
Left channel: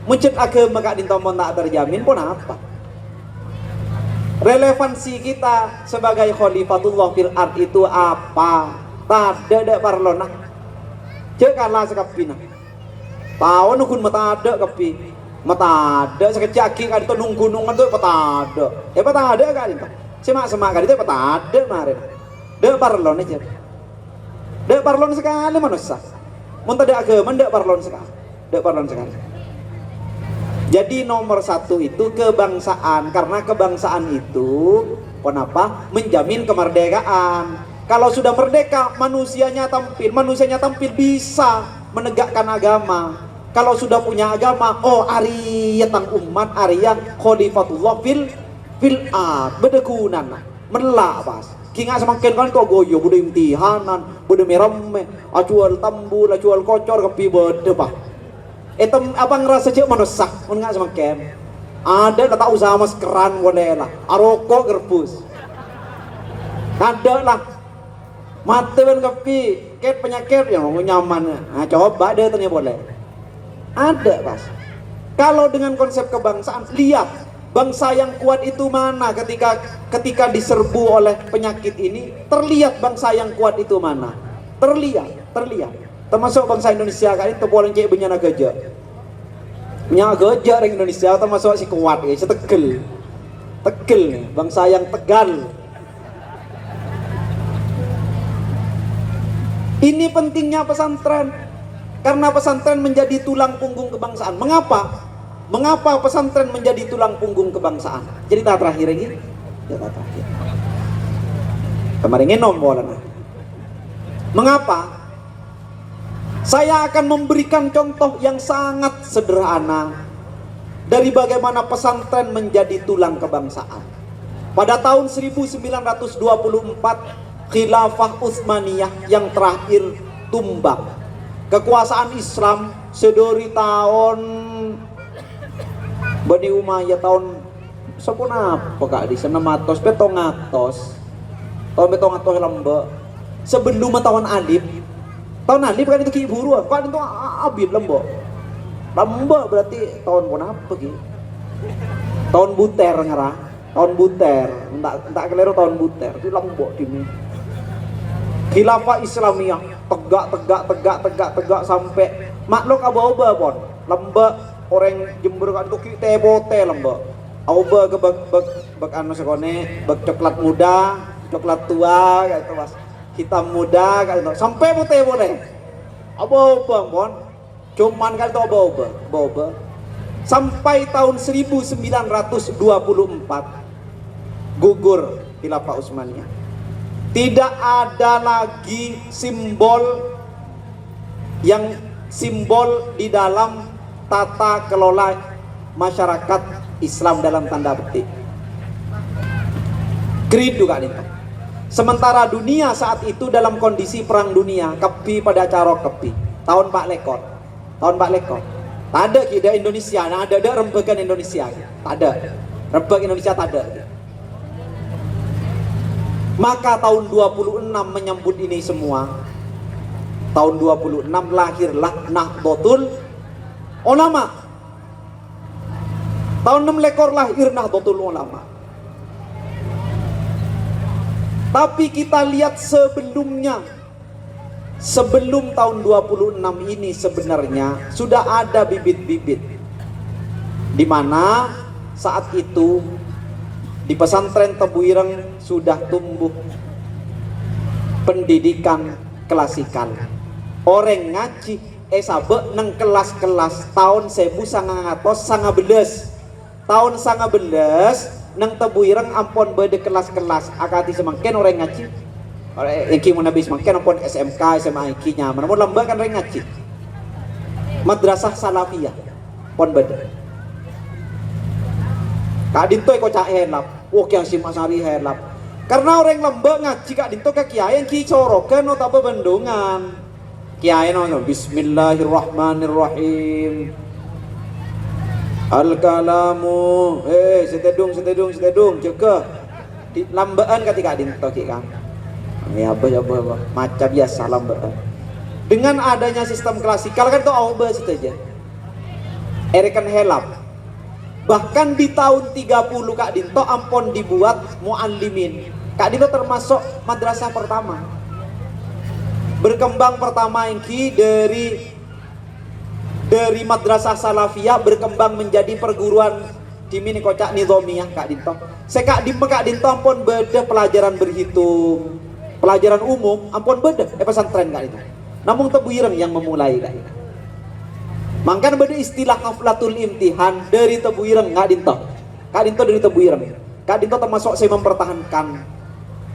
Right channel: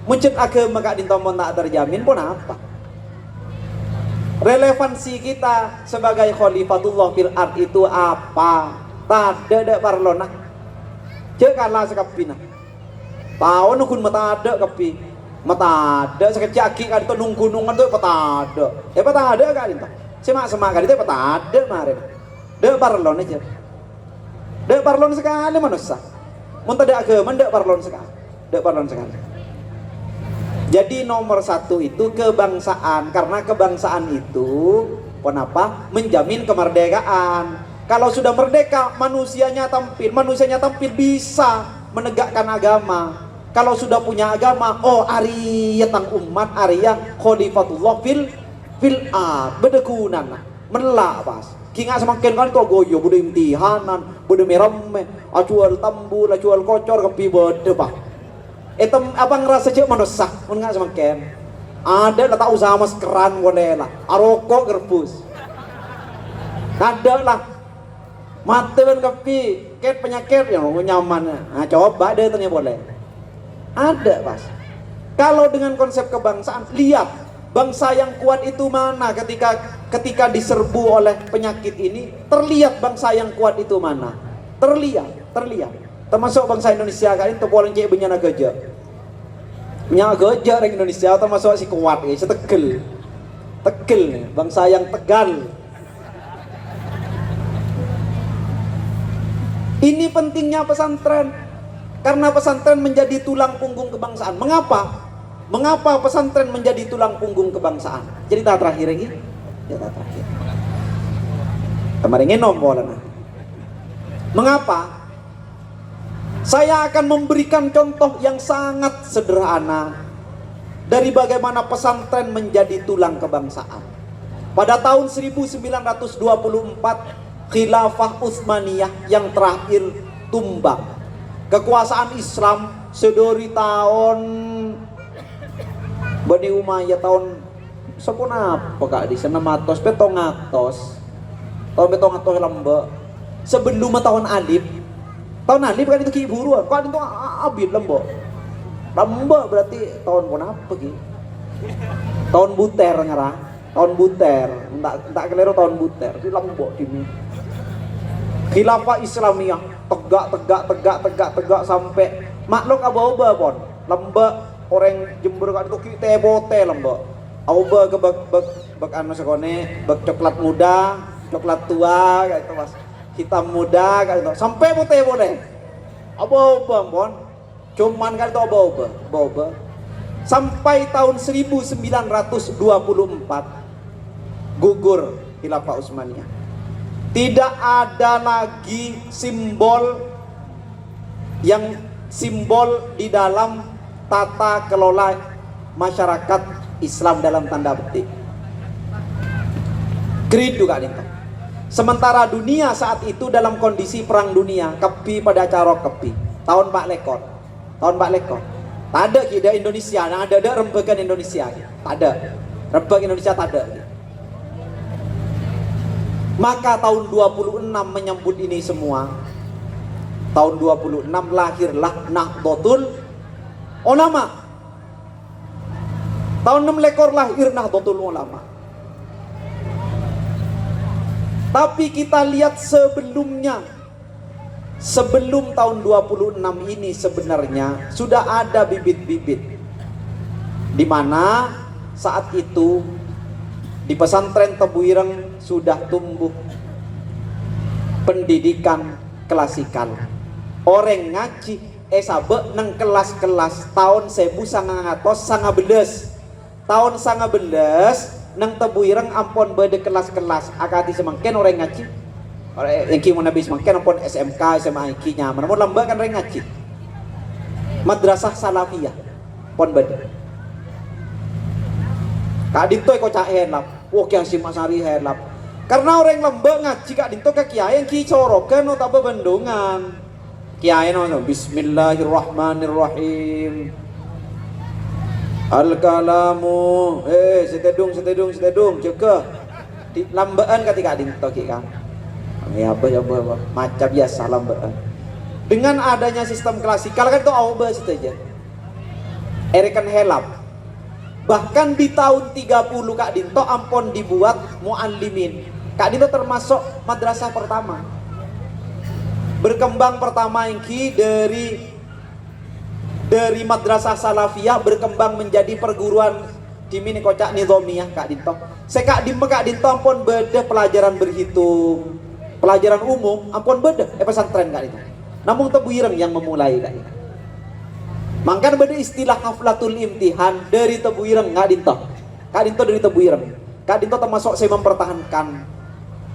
Muncul agama kak dintomon tak terjamin pun apa? Relevansi kita sebagai khalifatullah fil ard itu apa? Tada parlona. Cek kalah sekapina. Tahu nukun mata ada kapi. Mata ada sekejap kan itu nunggunungan tuh peta ada. Peta ada kan itu. Semak kan itu peta ada kemarin. De parlon aja. De parlon sekali manusia. Mun tidak agama de parlon sekali. De parlon sekali. Jadi nomor satu itu kebangsaan, karena kebangsaan itu kenapa? Menjamin kemerdekaan. Kalau sudah merdeka, manusianya tampil bisa menegakkan agama. Kalau sudah punya agama, oh Arya tang umat, Arya khalifatullah fil ard, bedekunan, melak pas. Kinga semakin kan to goyo, bude imtihanan, bude merame, acual tambul, acual kocor kepi bede pak. Etem apa ngerasa cek manusia, mun nggak semakin ada kata usaha maskeran boleh lah, aroko gerbus, ada lah, mati kan kepi, ket penyakit yang nyaman, nah coba deh ternyata boleh, ada pas. Kalau dengan konsep kebangsaan, lihat bangsa yang kuat itu mana ketika diserbu oleh penyakit ini, terlihat bangsa yang kuat itu mana, terlihat. Termasuk bangsa Indonesia kan itu boleh cek benyana gajah. Nya gajah orang Indonesia termasuk si kuat ya, setegel. Tegel, bangsa yang tegal. Ini pentingnya pesantren. Karena pesantren menjadi tulang punggung kebangsaan. Mengapa? Mengapa pesantren menjadi tulang punggung kebangsaan? Cerita terakhir ini. Cerita terakhir. Kemarin ngenom bola. Mengapa? Saya akan memberikan contoh yang sangat sederhana dari bagaimana pesantren menjadi tulang kebangsaan. Pada tahun 1924, Khilafah Utsmaniyah yang terakhir tumbang. Kekuasaan Islam sedori tahun Bani Umayyah tahun sepuna apa kak di sana matos betongatos lembe sebelum tahun Alif. Tahun Alif kan itu ki buruan, kan itu abid lembo berarti tahun pun apa gitu? Tahun Buter ngerah, tahun Buter, tak keliru tahun Buter, itu lembo ini. Khilafah Islamiyah tegak sampai makhluk aba-aba pon, lemba orang Jember kan itu ki tebote lembo, aba ke bak anu sekone, bak coklat muda, coklat tua kayak itu mas. Hitam muda kan itu sampai putih boleh aba-aba pon cuman kan itu aba-aba sampai tahun 1924 gugur Khilafah Utsmaniyah. Tidak ada lagi simbol di dalam tata kelola masyarakat Islam dalam tanda petik. Grid juga nih. Sementara dunia saat itu dalam kondisi perang dunia, kepi pada carok kepi. Tahun Pak Lekor. Tak ada kida Indonesia, nah ada rembekan Indonesia. Tak ada. Rembek Indonesia tak ada. Maka tahun 26 menyambut ini semua. Tahun 26 lahirlah Nahdlatul Ulama. Tahun 6 lekor lahir Nahdlatul Ulama. Tapi kita lihat sebelumnya, sebelum tahun 26 ini sebenarnya sudah ada bibit-bibit di mana saat itu di pesantren Tebu Ireng sudah tumbuh pendidikan klasikal. Orang ngaji sabe neng kelas-kelas tahun 1919 tahun 19 nang Tebu Ireng ampun bede kelas-kelas akati semangken orang ngaji iki mun habis semangken ampun SMK SMA iki nyaman mun lembah kan orang ngaji madrasah salafiyah pon bede kak dito ko caen lap oh kian simak sari helap Karena orang lembek ngaji Kak Dinto ke kiai yang ki corokan atau apa bendungan. Kiai no Bismillahirrahmanirrahim. Al-kalamu setedung jaga di lambean ketika Dinto ki kan. Ya apa macam biasa lambean. Dengan adanya sistem klasikal kan itu aubah saja. Erekan helap. Bahkan di tahun 30 Kak Dinto ampun dibuat muallimin. Kak Dinto termasuk madrasah pertama. Berkembang pertama ingki dari madrasah salafiyah berkembang menjadi perguruan dimini kocak nizamiyah Kak Dinto. Kak Dinto ampun beda pelajaran berhitung, pelajaran umum ampun beda pesantren Kak Dinto. Namun tebu ireng yang memulai Kak Dinto. Mangkan beda istilah haflatul imtihan dari tebu ireng Kak Dinto. Kak Dinto dari tebu ireng. Kak Dinto termasuk saya mempertahankan.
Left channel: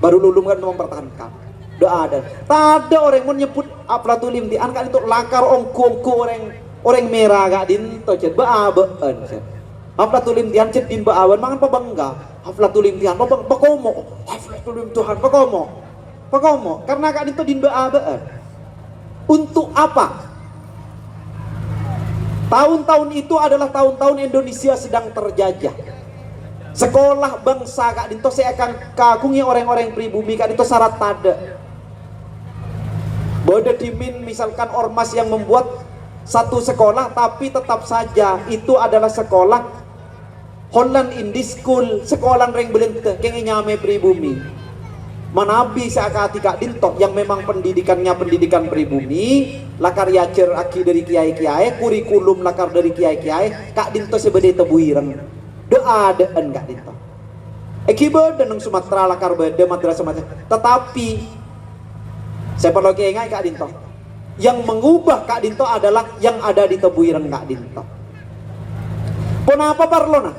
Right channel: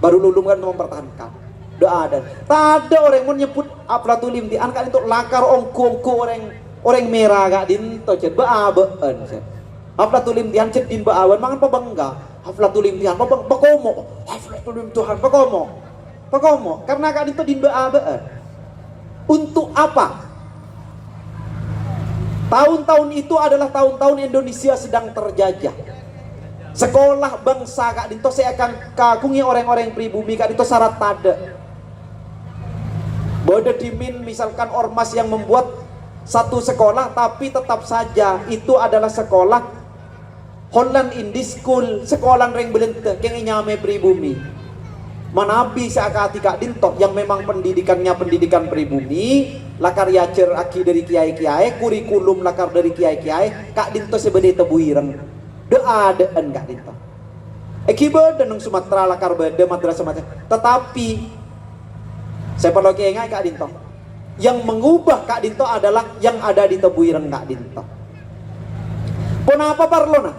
Baru lulung kan mempertahankan. Doa ada. Tak ada orang mau nyebut haflatul imtihan Kak Dinto lakar ongko orang merah Kak Dinto cet baabeun cet. Haflatul imtihan cet din baawan mangan pabangga. Haflatul imtihan pakomo. Haflatul imtihan pakomo. Karena Kak Dinto din baabeun. Untuk apa? Tahun-tahun itu adalah tahun-tahun Indonesia sedang terjajah. Sekolah bangsa Kak Dinto saya akan kagungi orang-orang pribumi Kak Dinto syarat tada. Bode dimin misalkan ormas yang membuat satu sekolah tapi tetap saja itu adalah sekolah Holland Indie School, sekolah reng belente keng nyame pribumi. Manabi seakati Kak Dinto yang memang pendidikannya pendidikan pribumi, lakar yacer aki dari kiai-kiai, kurikulum lakar dari kiai-kiai, Kak Dinto sebede tebu ireng. Doa dean Kak Dinto. Eki beda nang Sumatera lakar beda madrasah madrasah. Tetapi saya perlu ingat Kak Dinto. Yang mengubah Kak Dinto adalah yang ada di tebu ireng Kak Dinto. Kenapa parlona?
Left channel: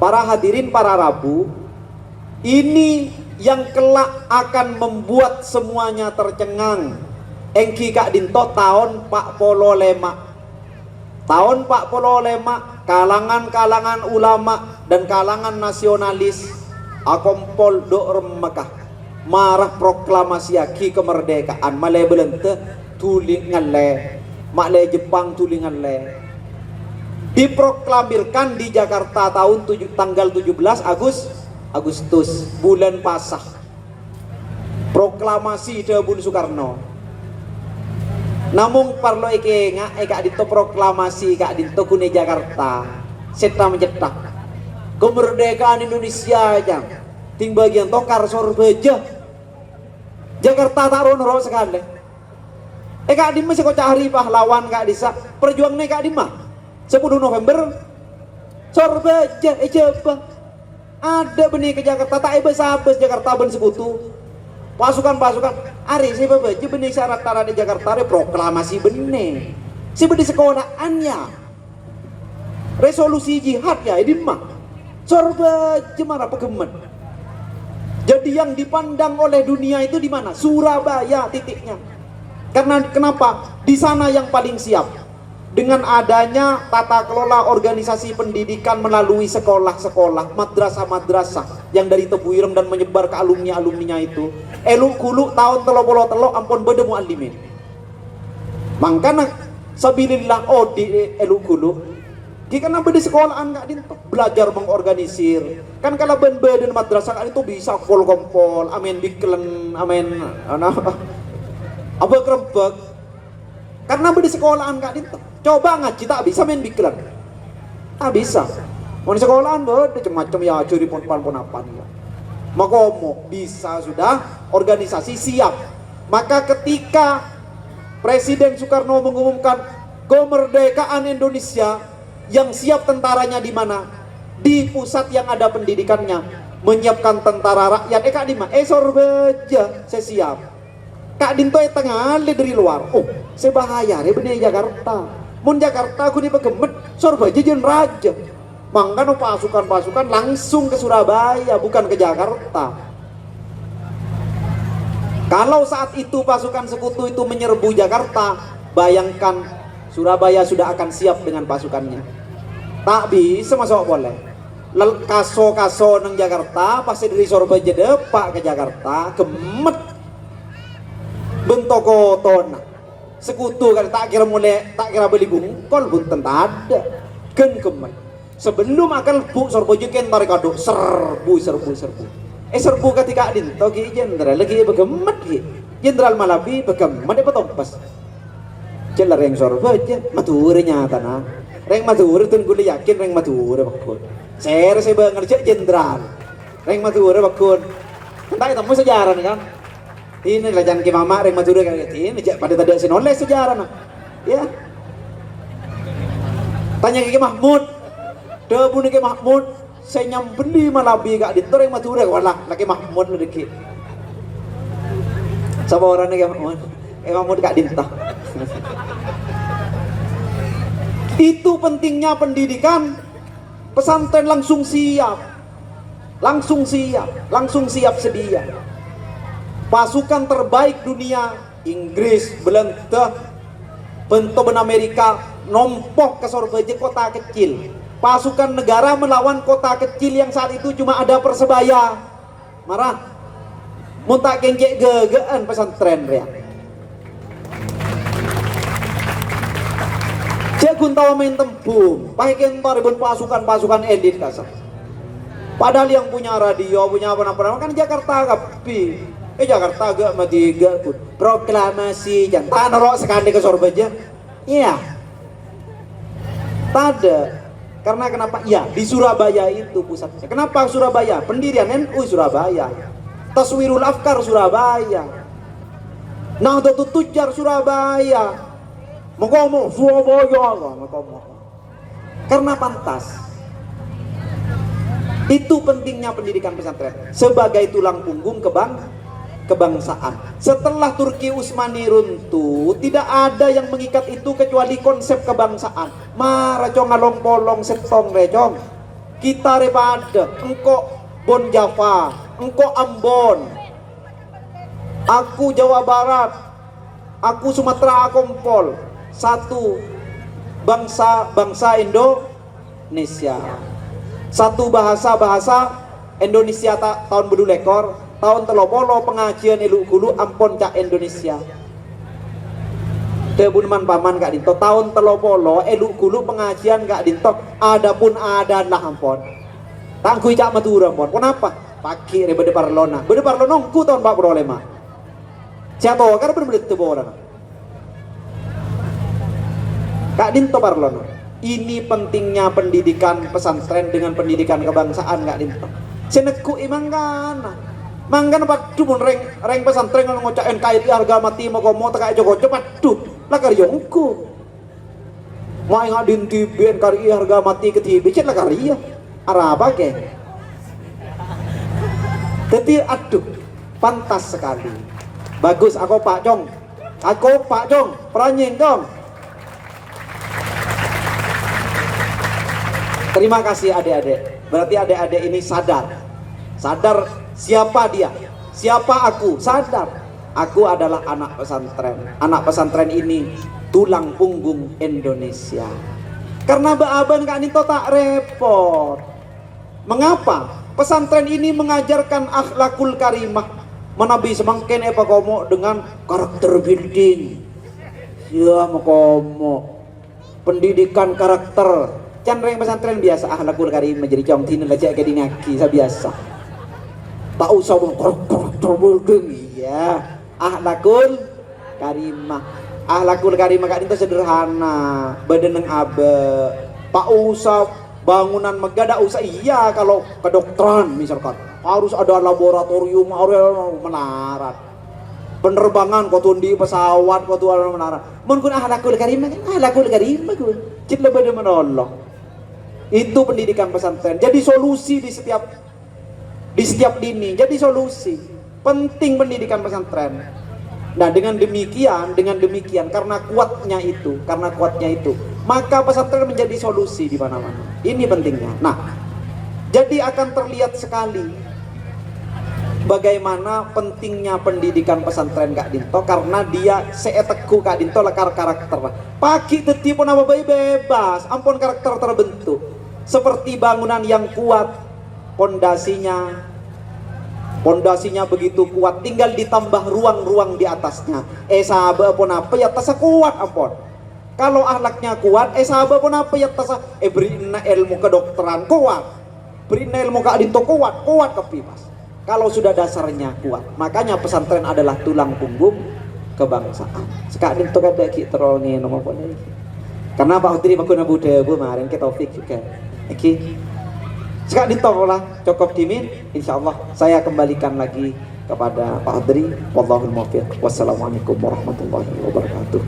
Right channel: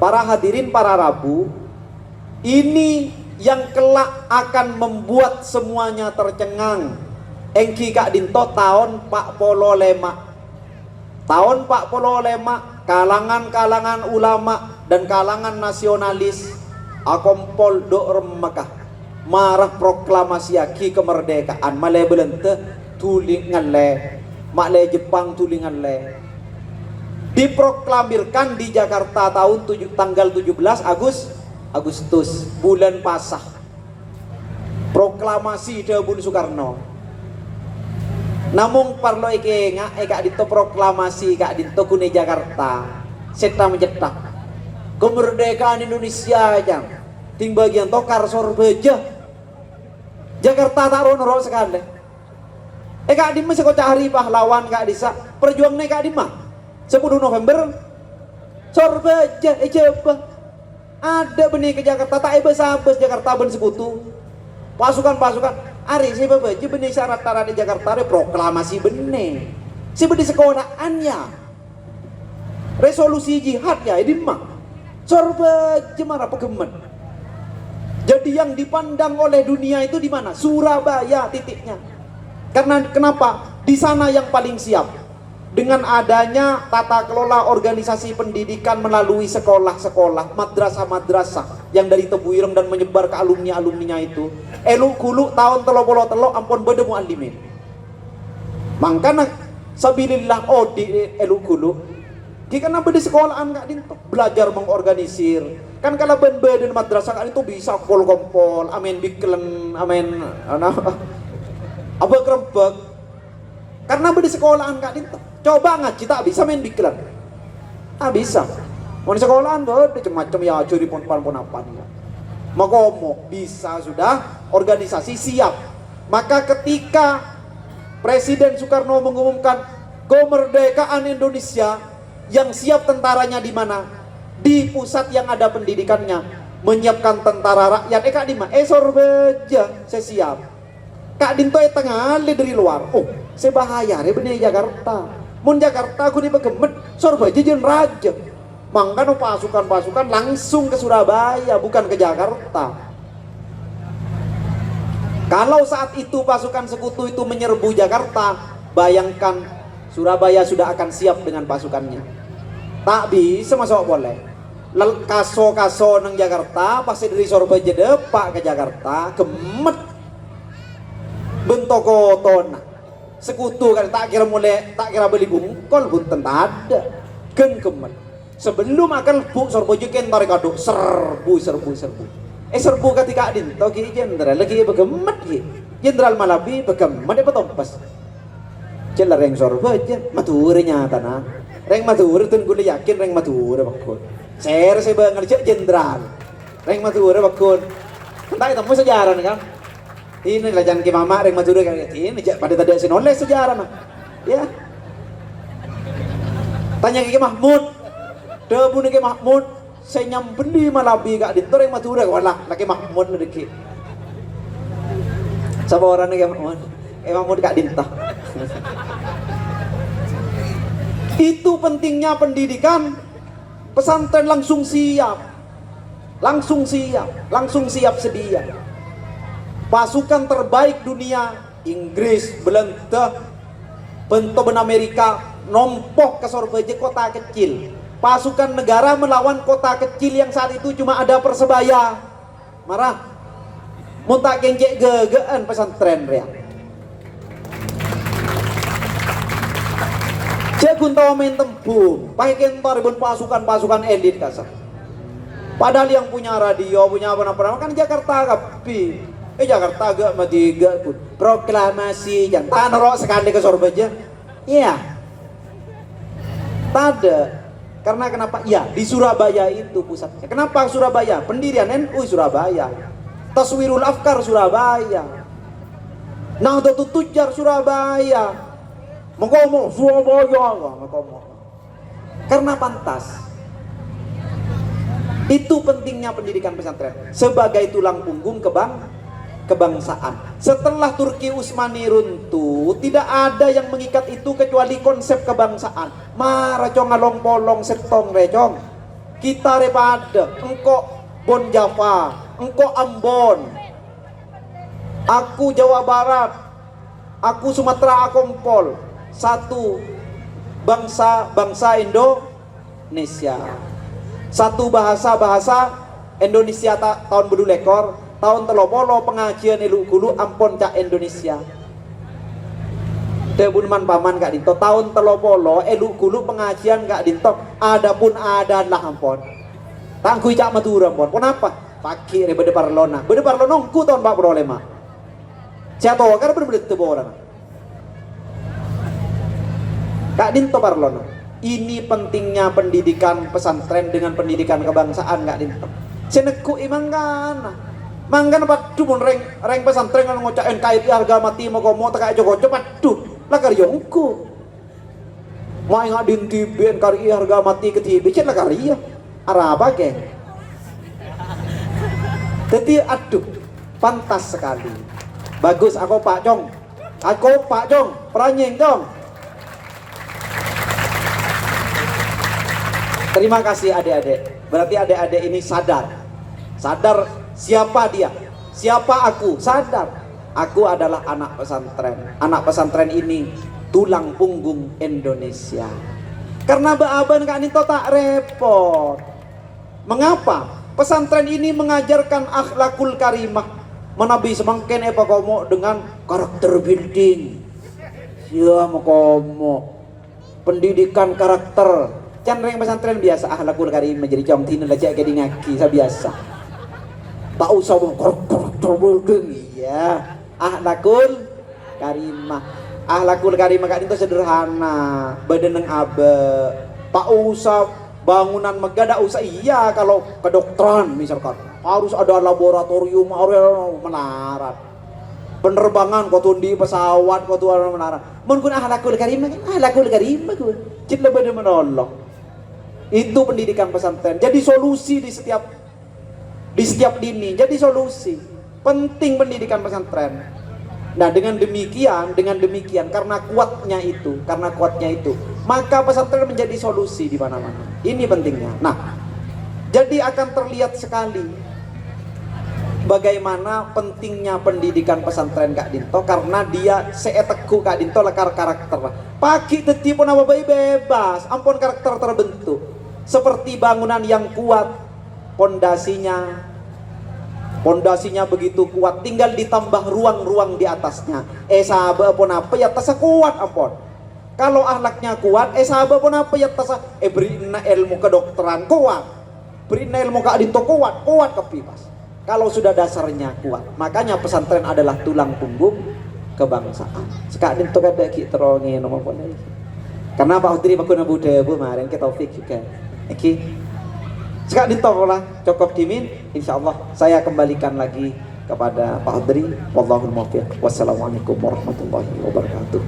Para hadirin para Rabu, ini yang kelak akan membuat semuanya tercengang. Engki Kak Dinto tahun 45. Tahun 45 kalangan-kalangan ulama dan kalangan nasionalis akompol do remekah marah proklamasi aki kemerdekaan male belente tulingan le makle Jepang tulingan le diproklamirkan di Jakarta tanggal 17 Agustus bulan Pasah. Proklamasi Debun Soekarno. Namun parlo Kak Dinto proklamasi Kak Dinto kune Jakarta. Seta mencetak kemerdekaan Indonesia aja. Ting bagian tokar sorbeja. Jakarta tak rono sekali. Kak Dinto masih kocak hari pahlawan Kak Disa. Perjuang nih Kak Dinto 10 November sorbeja coba. Ada benih ke Jakarta, tak habis Jakarta ben sekutu. Pasukan ari si bebeji benih syarat tara di Jakarta ada proklamasi benih. Si benih sekolahannya. Resolusi jihad ya ini mah. Sorbeji mana pegemen. Jadi yang dipandang oleh dunia itu di mana? Surabaya titiknya. Karena kenapa? Di sana yang paling siap. Dengan adanya tata kelola organisasi pendidikan melalui sekolah-sekolah, madrasah-madrasah yang dari tebu ireng dan menyebar ke alumni-alumninya itu. Elu kulu tahun telo ampun bede muallimin. Mangkana sabilillah di elu kulu. Di kana bede sekolahan Kak Dinto belajar mengorganisir. Kan kalau ben bede madrasah kan itu bisa kompol-kompol, amin biklen, amin apa kerebek. Karena bede sekolahan Kak Dinto. Coba ngaji tak bisa main diklat. Tak bisa. Mau di sekolahan ada macam-macam ya curi pon apa. Makomo bisa sudah organisasi siap. Maka ketika Presiden Soekarno mengumumkan kemerdekaan Indonesia, yang siap tentaranya di mana? Di pusat yang ada pendidikannya, menyiapkan tentara rakyat. Kak Dima, sorbeja, saya siap. Kak Dinto tengah dari luar. Oh, saya bahaya, bener Jakarta. Mun Jakarta aku dipegemet, sorbeja jeung raja. Mangkano pasukan-pasukan langsung ke Surabaya, bukan ke Jakarta. Kalau saat itu pasukan sekutu itu menyerbu Jakarta, bayangkan Surabaya sudah akan siap dengan pasukannya. Tak bisa masuk boleh. kaso nang Jakarta pasti dari Surabaya depak ke Jakarta gemet bentokoton sekutu kan tak kira beli bungkol bunten ada gen gemet sebelum akan bu Surabaya ken tarik aduk serbu serbu ketika adin togi jenderal lagi begemet ki jenderal Malabi begemet apa tompas jelar yang Surabaya maturnya tanah reng matur tun gue yakin reng matur bakun saya ngerjain jenderal reng matur bakun entah itu mau sejarah nih kan ini kerajaan ke mama reng matur kayak ini pada tadi sinoleh sejarah nah ya tanya ke Mahmud debu nih ke Mahmud saya nyambeli Malabi kak dinto reng matur walah laki Mahmud lagi sama orang nih ke Mahmud kak dinto itu pentingnya pendidikan pesantren langsung siap sedia pasukan terbaik dunia Inggris, Belanda, bentuk Amerika nombok ke Surabaya kota kecil pasukan negara melawan kota kecil yang saat itu cuma ada Persebaya marah muntah kencek gegean pesantren ya Jagun tawa main tempung, pakai kentor ribut pasukan elit kasar. Padahal yang punya radio, punya apa-apa kan Jakarta kapi. Jakarta agak matiga pun proklamasi jangan tanah sekali ke Surabaya. Iya. Pada karena kenapa? Ya di Surabaya itu pusatnya. Kenapa Surabaya? Pendirian NU Surabaya. Taswirul Afkar Surabaya. Nahdlatul Tujar Surabaya. Mengkomo Surabaya, mengkomo. Karena pantas. Itu pentingnya pendidikan pesantren sebagai tulang punggung kebangsaan. Setelah Turki Utsmani runtuh, tidak ada yang mengikat itu kecuali konsep kebangsaan. Maracong along polong setong recong. Kita repada, engkau Bon Java, engkau Ambon, aku Jawa Barat, aku Sumatera Akompol. Satu bangsa Indonesia, satu bahasa Indonesia tahun bedu lekor tahun telopolo pengajian eluk gulu ampon cak Indonesia tebunman paman kak dinto tahun telopolo eluk gulu pengajian kak dinto adapun ada lah ampon tangkui cak madura ampon kenapa pagi bede parlona ku tahun 45 siapa karena berbeda tebo orang Kak Dinto Parlono, ini pentingnya pendidikan pesantren dengan pendidikan kebangsaan Kak Dinto. Seneku imang kana, manggan padu mun reng pesantren kan ngocak NKRI harga mati mau komo tak Joko padu lah karyongku. Mau ingat dinti NKRI harga mati ketibi cet lah karya. Araba ke? Jadi aduh pantas sekali. Bagus aku Pak Jong, peranyeng Jong. Terima kasih adik-adik. Berarti adik-adik ini sadar siapa dia, siapa aku. Sadar aku adalah anak pesantren. Anak pesantren ini tulang punggung Indonesia. Karena Baaban Kak Nito tak repot. Mengapa? Pesantren ini mengajarkan akhlakul karimah, menabi semangken komo dengan karakter building. Ya komo pendidikan karakter. Candreng pesantren biasa akhlakul karimah jadi jam tina lajak ke dinaki biasa. Tak usah terbulgung iya. Akhlakul karimah. Akhlakul karimah Kak itu sederhana, badaneng abe. Tak usah bangunan megah, tak usah iya kalau kedokteran misalkan harus ada laboratorium, harus menara. Penerbangan kau tundi pesawat kau tuh menara. Mungkin akhlakul karimah gue. Cipta badan menolong. Itu pendidikan pesantren. Jadi solusi di setiap dini. Jadi solusi. Penting pendidikan pesantren. Nah, dengan demikian karena kuatnya itu, maka pesantren menjadi solusi di mana-mana. Ini pentingnya. Nah, jadi akan terlihat sekali bagaimana pentingnya pendidikan pesantren Kak Dinto karena dia seeteku Kak Dinto lekar karakter. Pagi teti pun apa bayi bebas, ampun karakter terbentuk. seperti bangunan yang kuat, pondasinya begitu kuat, tinggal ditambah ruang-ruang di atasnya. Sahabat pun apa ya tasa kuat ampun. Kalau akhlaknya kuat, sahabat pun apa ya tasa berina ilmu kedokteran kuat, berina ilmu keadinto kuat kepipas. Kalau sudah dasarnya kuat, makanya pesantren adalah tulang punggung kebangsaan. Sekarang itu kada ki terongi nomor pun ini. Karena Pak Udri Pak Guna Budaya Bu maring ke Taufik juga. Iki. Sekarang ditolak cukup dimin, insya Allah saya kembalikan lagi kepada Pak Udri. Wallahul muwaffiq. Wassalamualaikum warahmatullahi wabarakatuh.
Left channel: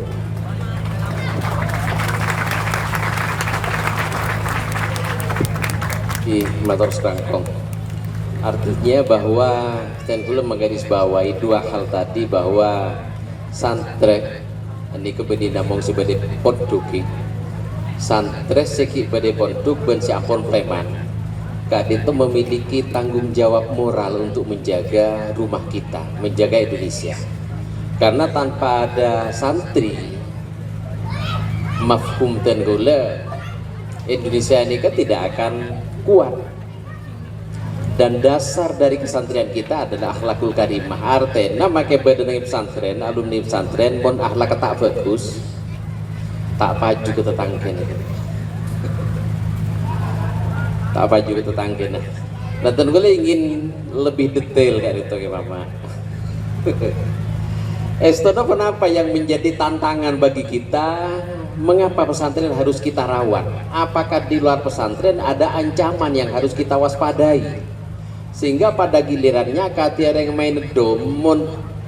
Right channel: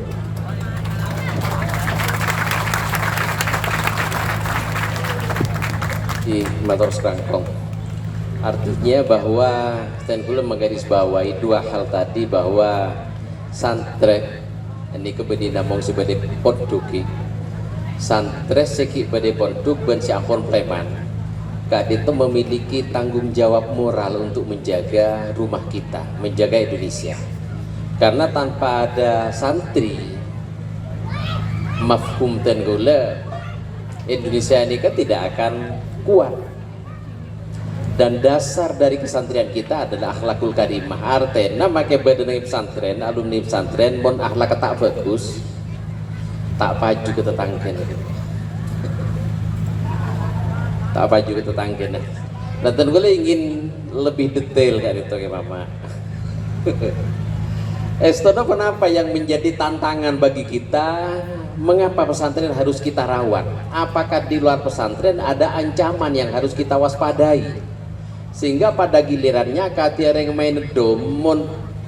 Di motor serangkong. Artinya bahwa Stenful menggarisbawahi dua hal tadi, bahwa santren ini kebedi namong sebagai ponduki, santren seki bade ponduk ben siapon preman. Kak itu memiliki tanggung jawab moral untuk menjaga rumah kita, menjaga Indonesia. Karena tanpa ada santri, mafhum tenggula, Indonesia ini kan tidak akan kuat. Dan dasar dari kesantrian kita adalah akhlakul karimah. Artinya make badan pesantren, alumni pesantren, bon akhlak tak bagus, tak paju ke tetangga. Tak apa juga tetangga. Nah, tentu gue ingin lebih detail dari itu ya Mama. Estono kenapa yang menjadi tantangan bagi kita? Mengapa pesantren harus kita rawat? Apakah di luar pesantren ada ancaman yang harus kita waspadai? Sehingga pada gilirannya katiar yang main dom,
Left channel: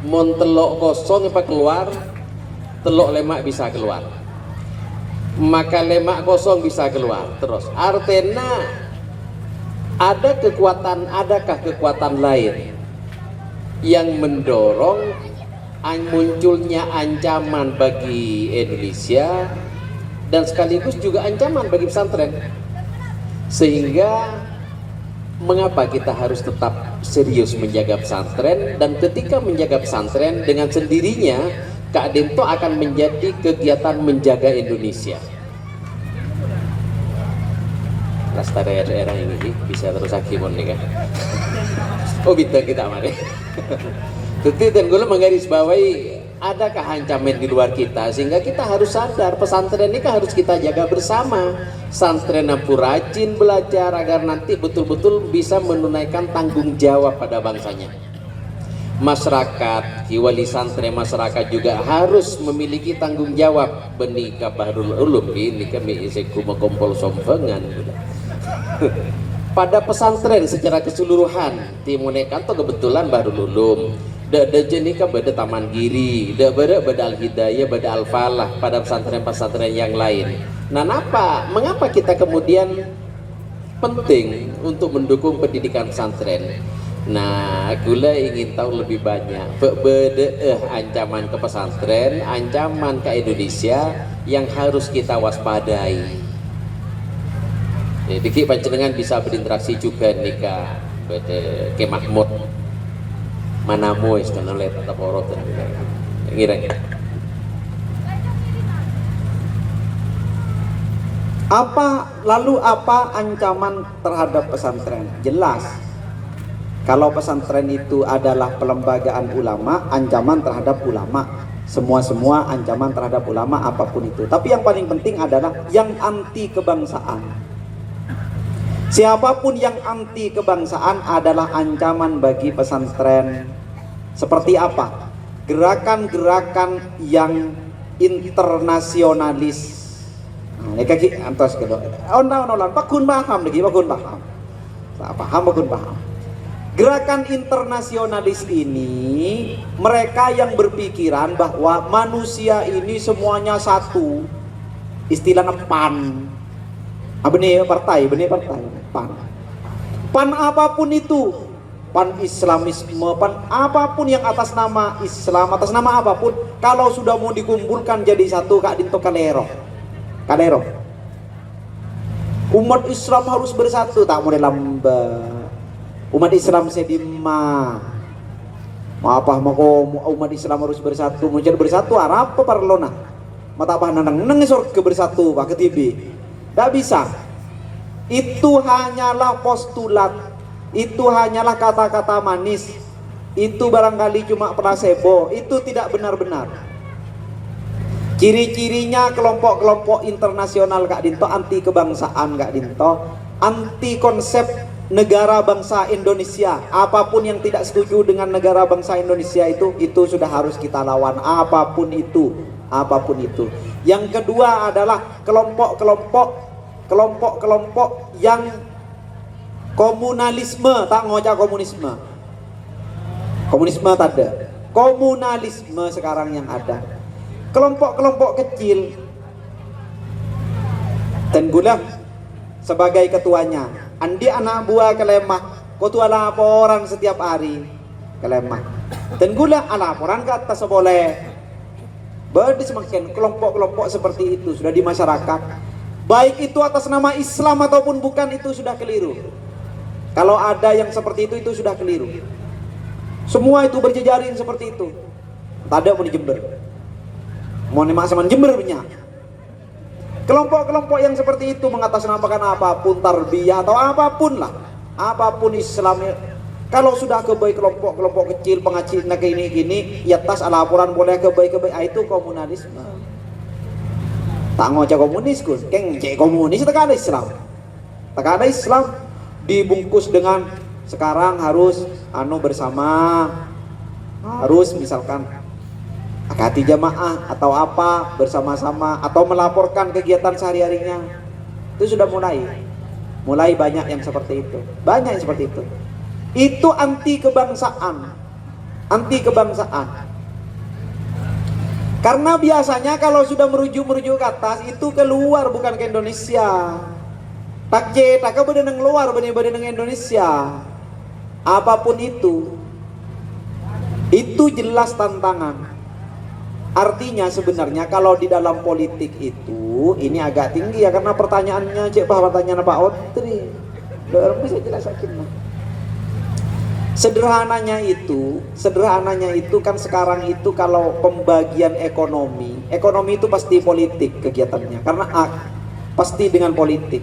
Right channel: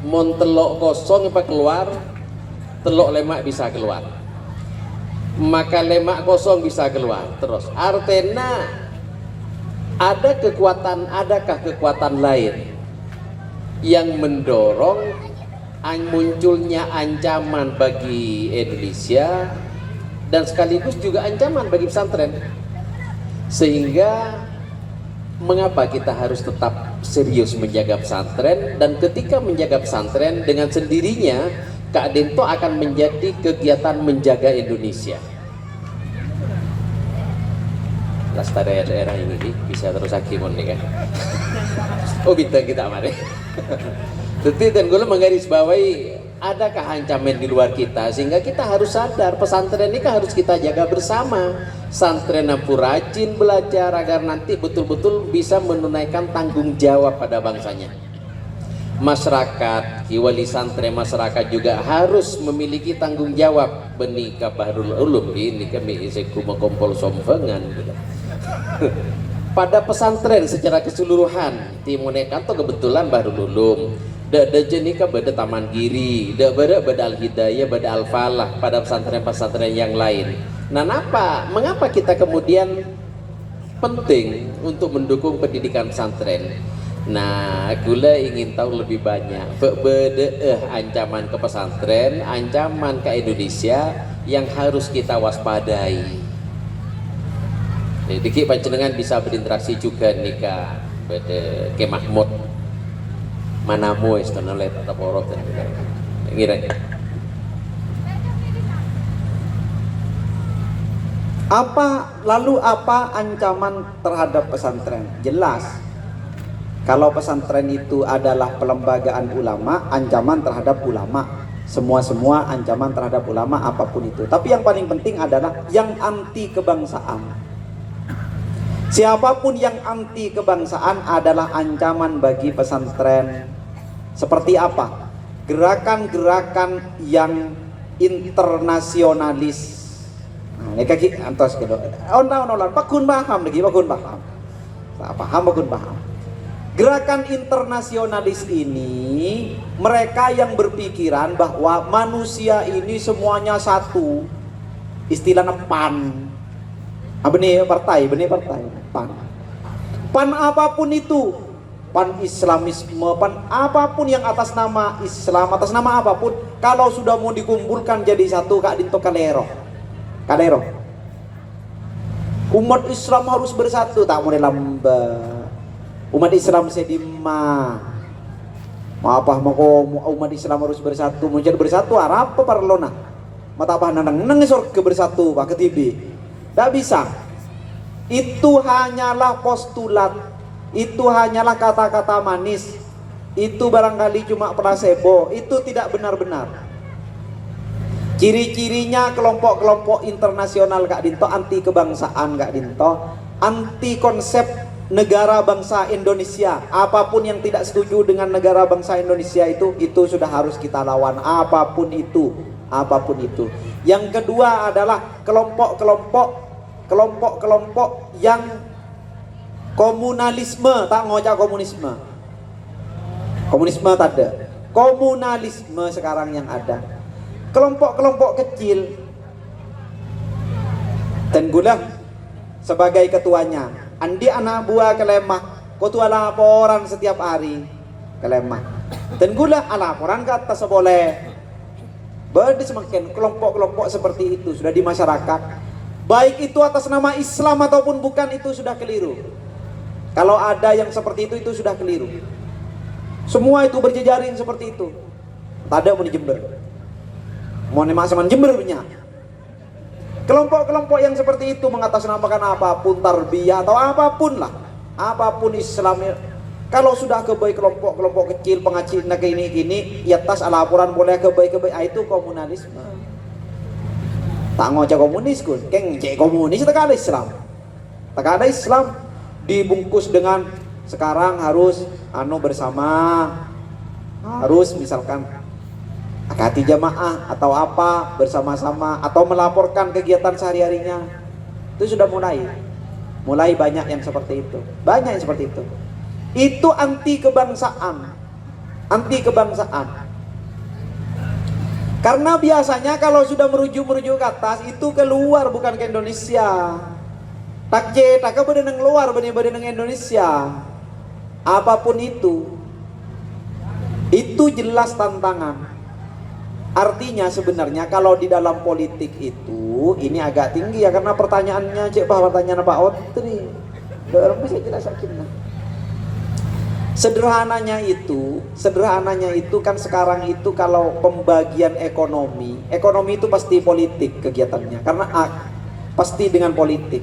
mon telok kosong apa keluar, telok lemak bisa keluar. Maka lemak kosong bisa keluar. Terus artena adakah kekuatan lain yang mendorong munculnya ancaman bagi Indonesia dan sekaligus juga ancaman bagi pesantren, sehingga mengapa kita harus tetap serius menjaga pesantren? Dan ketika menjaga pesantren, dengan sendirinya Kak Dento akan menjadi kegiatan menjaga Indonesia. Lestari era ini bisa terus hakimon nih kan. Oh gitu kita mari. Jadi dan gue menggarisbawahi adakah ancaman di luar kita, sehingga kita harus sadar pesantren ini kan harus kita jaga bersama. Santren yang rajin belajar agar nanti betul-betul bisa menunaikan tanggung jawab pada bangsanya. Masyarakat, wali santri masyarakat juga harus memiliki tanggung jawab. Benika Bahrul Ulum ini kami iseku mengkompol sompengan. Pada pesantren secara keseluruhan timunekan tuh kebetulan Bahrul Ulum, da jenika beda Taman Giri, da beda Al Hidayah, beda Al Falah pada pesantren-pesantren yang lain. Nah, mengapa kita kemudian penting untuk mendukung pendidikan pesantren? Nah, gula ingin tahu lebih banyak ancaman ke pesantren, ancaman ke Indonesia yang harus kita waspadai. Diki panjenengan bisa berinteraksi juga nih ke Mahmud Manamu istana oleh tata porot dan ngira. Apa ancaman terhadap pesantren? Jelas. Kalau pesantren itu adalah pelembagaan ulama, ancaman terhadap ulama. Semua ancaman terhadap ulama apapun itu. Tapi yang paling penting adalah yang anti kebangsaan. Siapapun yang anti kebangsaan adalah ancaman bagi pesantren. Seperti apa? Gerakan-gerakan yang internasionalis. Ini kaki antos gitu. Pakun paham lagi, pakun paham. Pakun paham. Gerakan internasionalis ini mereka yang berpikiran bahwa manusia ini semuanya satu. Istilahnya PAN. Benih partai, PAN apapun itu, PAN Islamisme, PAN apapun yang atas nama Islam, atas nama apapun, kalau sudah mau dikumpulkan jadi satu, Kak Dinto kalero. Umat Islam harus bersatu, tak boleh lambat. Umat Islam sedima. Apa mau umat Islam harus bersatu, menjadi bersatu apa parlona? Mata apa nang surga bersatu, Pak Ketibi. Tidak bisa. Itu hanyalah postulat, itu hanyalah kata-kata manis, itu barangkali cuma placebo, itu tidak benar-benar. Ciri-cirinya kelompok-kelompok internasional Kak Dinto, anti kebangsaan Kak Dinto, anti konsep negara bangsa Indonesia. Apapun yang tidak setuju dengan negara bangsa Indonesia itu sudah harus kita lawan, apapun itu. Yang kedua adalah kelompok-kelompok yang komunalisme, tak ngocak komunisme. Komunisme tak ada. Komunalisme sekarang yang ada. Kelompok-kelompok kecil. Dan gula sebagai ketuanya. Andi anak buah kelemah, kau tuh laporan setiap hari kelemah. Dan gula laporan ke atas boleh. Berarti semakin kelompok-kelompok seperti itu sudah di masyarakat. Baik itu atas nama Islam ataupun bukan, itu sudah keliru. Kalau ada yang seperti itu sudah keliru. Semua itu berjejaring seperti itu. Tak ada mau di Jember. Mau nemak sama Jember punya. Kelompok-kelompok yang seperti itu mengatasnamakan apapun tarbiyah atau apapun lah, apapun Islamnya. Kalau sudah kebaik kelompok-kelompok kecil pengacil nak ini ya tas laporan boleh kebaik itu komunalisme. Tak ngoceh komunis kun, keng cek komunis tak ada Islam. Tak ada Islam dibungkus dengan sekarang harus bersama, harus misalkan akati jamaah atau apa bersama-sama atau melaporkan kegiatan sehari-harinya. Itu sudah mulai banyak yang seperti itu. Banyak yang seperti itu. Itu anti kebangsaan. Karena biasanya kalau sudah merujuk ke atas itu keluar bukan ke Indonesia. Tak bedeneng luar bedeneng Indonesia. Apapun itu jelas tantangan. Artinya sebenarnya kalau di dalam politik itu ini agak tinggi ya, karena pertanyaannya pertanyaan Pak Otri. Orang bisa jelasin. Sederhananya itu kan sekarang itu kalau pembagian ekonomi itu pasti politik kegiatannya, karena pasti dengan politik.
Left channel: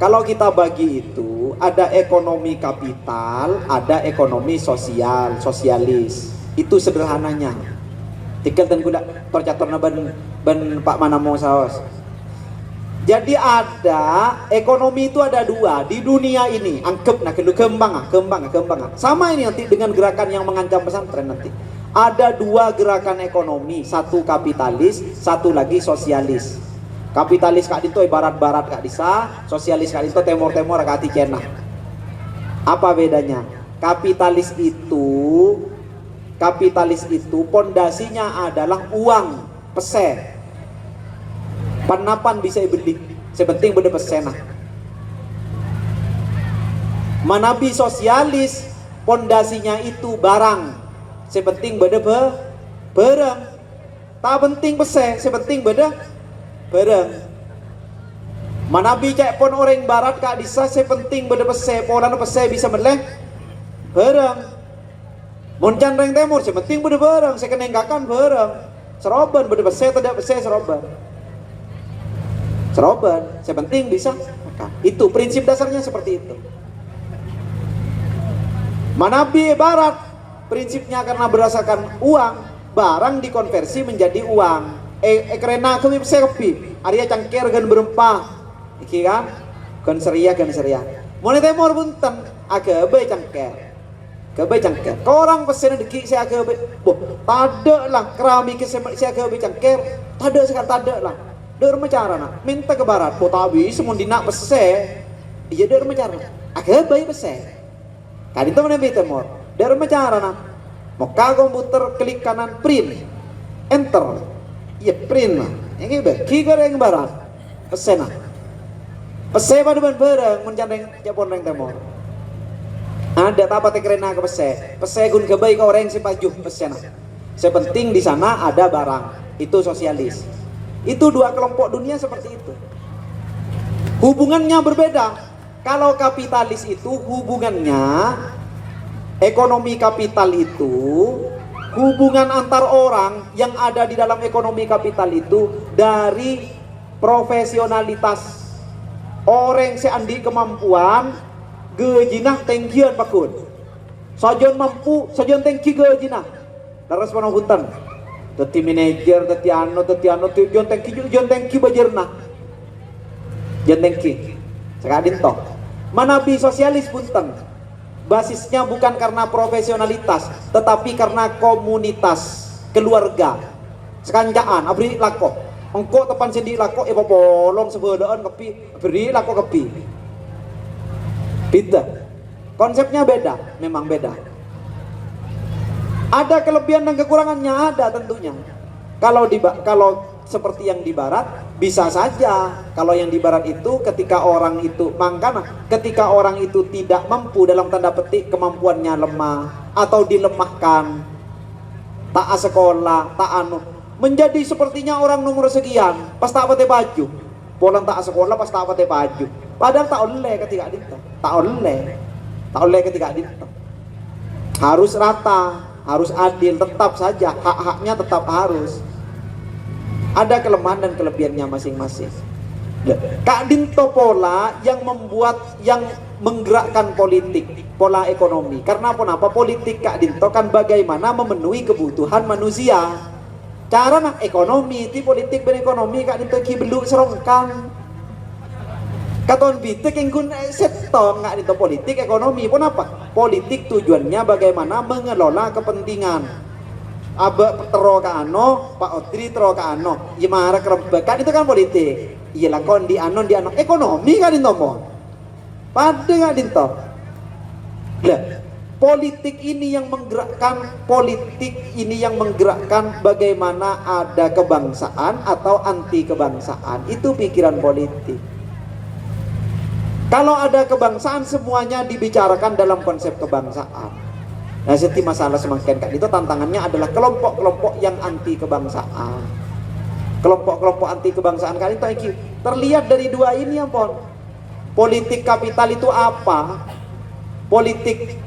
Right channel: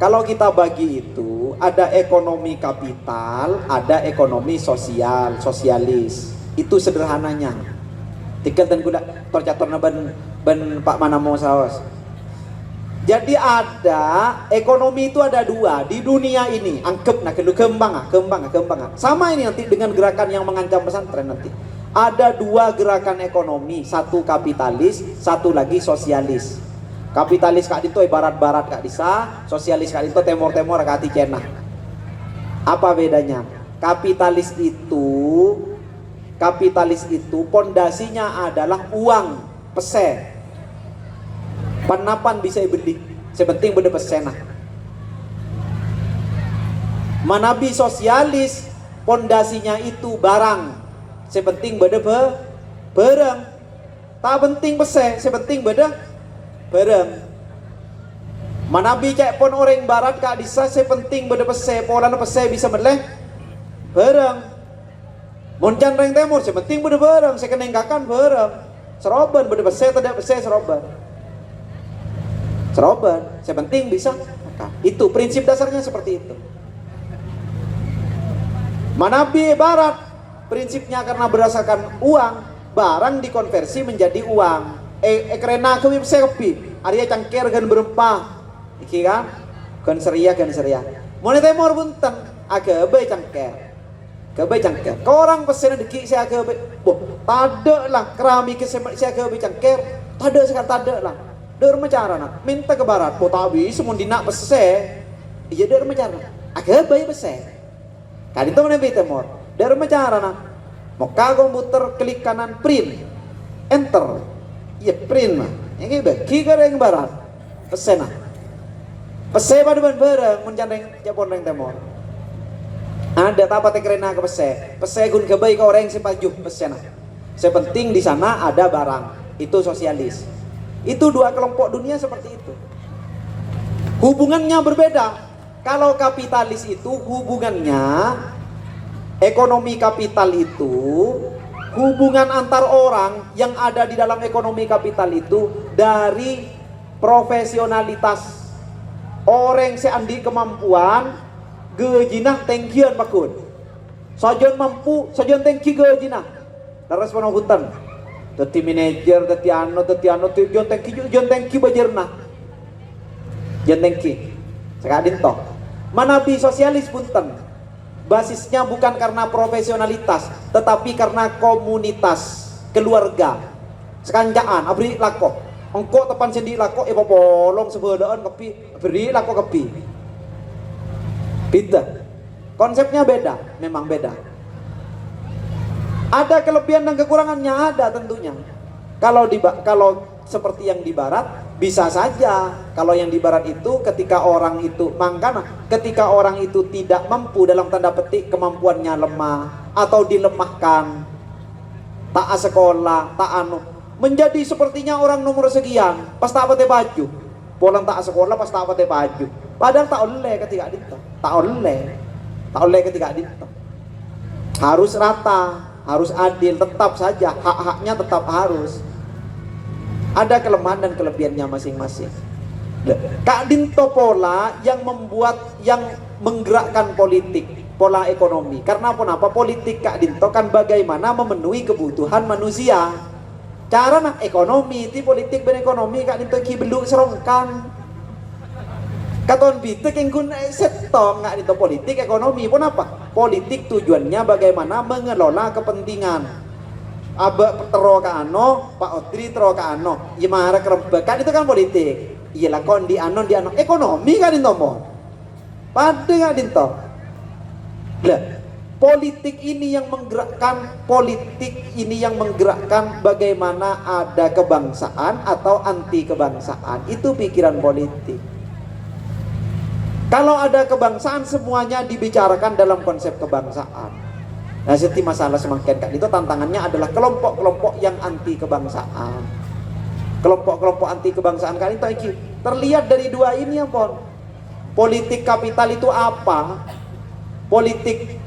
Kalau kita bagi itu ada ekonomi kapital, ada ekonomi sosialis. Itu sederhananya. Tinggal dan gula tercaturna ban Pak Manamo saos. Jadi ada ekonomi itu ada dua di dunia ini. Angkep nak kembang. Sama ini nanti dengan gerakan yang mengancam pesantren nanti. Ada dua gerakan ekonomi, satu kapitalis, satu lagi sosialis. Kapitalis Kak Dinto barat-barat Kak Disa, sosialis Kak Dinto timur-timur Kak Cina. Apa bedanya? Kapitalis itu pondasinya adalah uang, pese. Panapan bisa beli, sepenting beda pesena. Manabi sosialis, pondasinya itu barang, sepenting beda barang. Tak penting pese, sepenting beda barang. Manabi cek pon orang barat Kak Disa, sepenting beda pese, polana pese bisa meleh barang. Moncan reng temur, sepenting beda barang, saya kenenggakan barang. Seroban beda pese, tidak pese seroban, sepenting bisa. Itu prinsip dasarnya seperti itu. Manabi barat, prinsipnya karena berdasarkan uang, barang dikonversi menjadi uang. Kerena aku bisa kopi, Arya cangkir gan berempah, iki kan, gan seria. Mulai temur bunten, agak baik cangkir. Kebecangker. Orang pesen deki saya ke tada lah keramik saya ke becangker. Tada sekali tada lah. Der mecara nak minta ke barat. Potawi semun dinak pese. Iya der mecara. Agak baik pese. Kali itu mana temor. Der mecara nak. Moka komputer klik kanan print. Enter. Iya print. Yang beki ke yang barat. Pese nak. Pese pada bareng menjandeng japon reng temor. Ada apa tekrena ke pese gun kebaik ke orang sepajuh pesena. Sepenting di sana ada barang. Itu sosialis. Itu dua kelompok dunia seperti itu. Hubungannya berbeda. Kalau kapitalis itu hubungannya, ekonomi kapital itu hubungan antar orang yang ada di dalam ekonomi kapital itu dari profesionalitas orang seandi kemampuan gejinah tengkian pakun sajon mampu sajon tengki gejinah daras panau hutan teti manajer teti ano jon tengki bajerna jon tengki sekadin toh manabi sosialis punten basisnya bukan karena profesionalitas tetapi karena komunitas keluarga sekanjaan abri lako engko tepan sendi lako ibu polong sebedaan kepi beri lako kepi beda konsepnya beda memang beda ada kelebihan dan kekurangannya ada tentunya kalau seperti yang di barat bisa saja kalau yang di barat itu ketika orang itu ketika orang itu tidak mampu dalam tanda petik kemampuannya lemah atau dilemahkan tak sekolah tak menjadi sepertinya orang nomor sekian pas tak pakai baju polang tak sekolah pas tak pakai baju padahal tak oleh ketika dinta tak oleh ketika dinta harus rata harus adil tetap saja hak-haknya tetap harus ada kelemahan dan kelebihannya masing-masing. Kak Dinto pola yang menggerakkan politik, pola ekonomi. Karena apa? Politik Kak Dinto kan bagaimana memenuhi kebutuhan manusia. Cara nak ekonomi, ti politik berekonomi Kak Dinto ki belum serongkan. Katon bitek yang guna setong Kak Dinto politik ekonomi pun apa? Politik tujuannya bagaimana mengelola kepentingan. Aba tero ka ano, Pak Otri tero ka ano, gimana kerembekan itu kan politik. Iya lakon di ano ekonomi kan Dinto mo. Pada Kak Dinto. Lah, politik ini yang menggerakkan bagaimana ada kebangsaan atau anti kebangsaan. Itu pikiran politik. Kalau ada kebangsaan semuanya dibicarakan dalam konsep kebangsaan. Nah, setiap masalah semakin Kak itu tantangannya adalah kelompok-kelompok yang anti kebangsaan. Kelompok-kelompok anti kebangsaan kali itu terlihat dari dua ini ya Pon. Politik kapital itu apa? Politik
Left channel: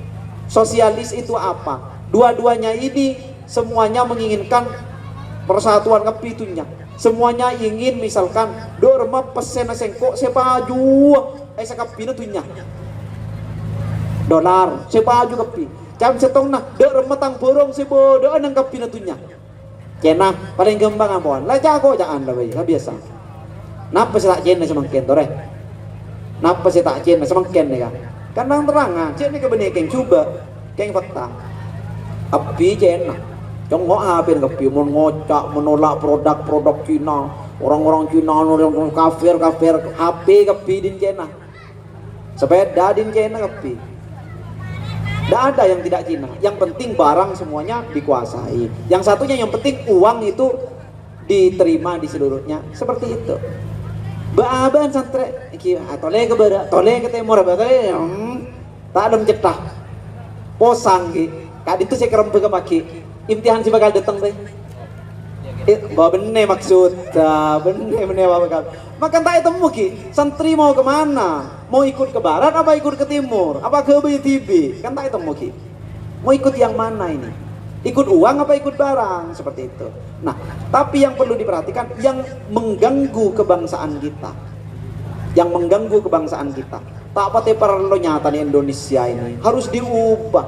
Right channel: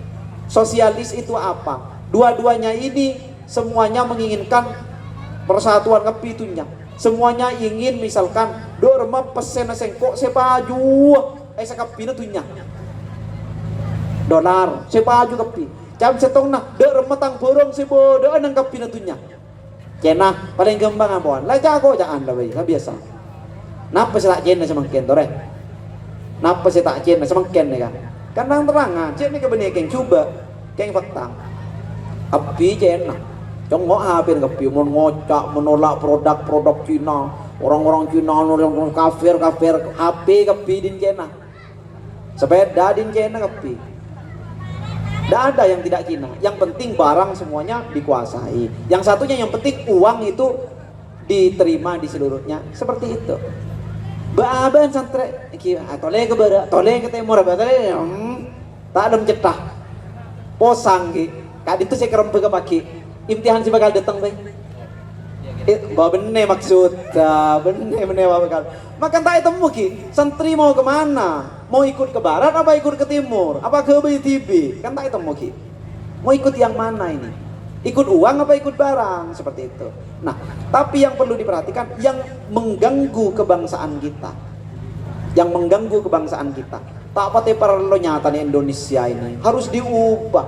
sosialis itu apa? Dua-duanya ini semuanya menginginkan persatuan kepitunya. Semuanya ingin misalkan dorma pesen sengkok sepaju sekapina tunya. Dolar sepaju kepi. Jam setong nah dek remetang borong sebodo nang kapina tunya. Cena paling gembang ampun. Lah jago jangan dah bayi, biasa. Napa sih tak cena semangken tore? Napa sih tak cena semangken ni kan? Kan terang cena ke benih keng coba, keng fakta. Api cena. Congok habis kapi ngocak menolak produk Cina. Orang-orang Cina orang kafir HP kapi din cena. Sepeda din cena kapi. Tidak ada yang tidak Cina. Yang penting barang semuanya dikuasai. Yang satunya yang penting uang itu diterima di seluruhnya. Seperti itu. Baaban santre tole ke barat, tole ke timur, tak ada mencetah. Posang ki. Kak itu saya kerempe ke pagi. Imtihan si bakal datang deh. Bener maksud, bener bakal. Makan tak temu ki. Santri mau kemana? Mau ikut ke barat apa ikut ke timur? Apa ke BTB? Kan tak temu ki. Mau ikut yang mana ini? Ikut uang apa ikut barang? Seperti itu. Nah, tapi yang perlu diperhatikan yang mengganggu kebangsaan kita. Yang mengganggu kebangsaan kita. Tak pati perlu nyata nih Indonesia ini harus diubah.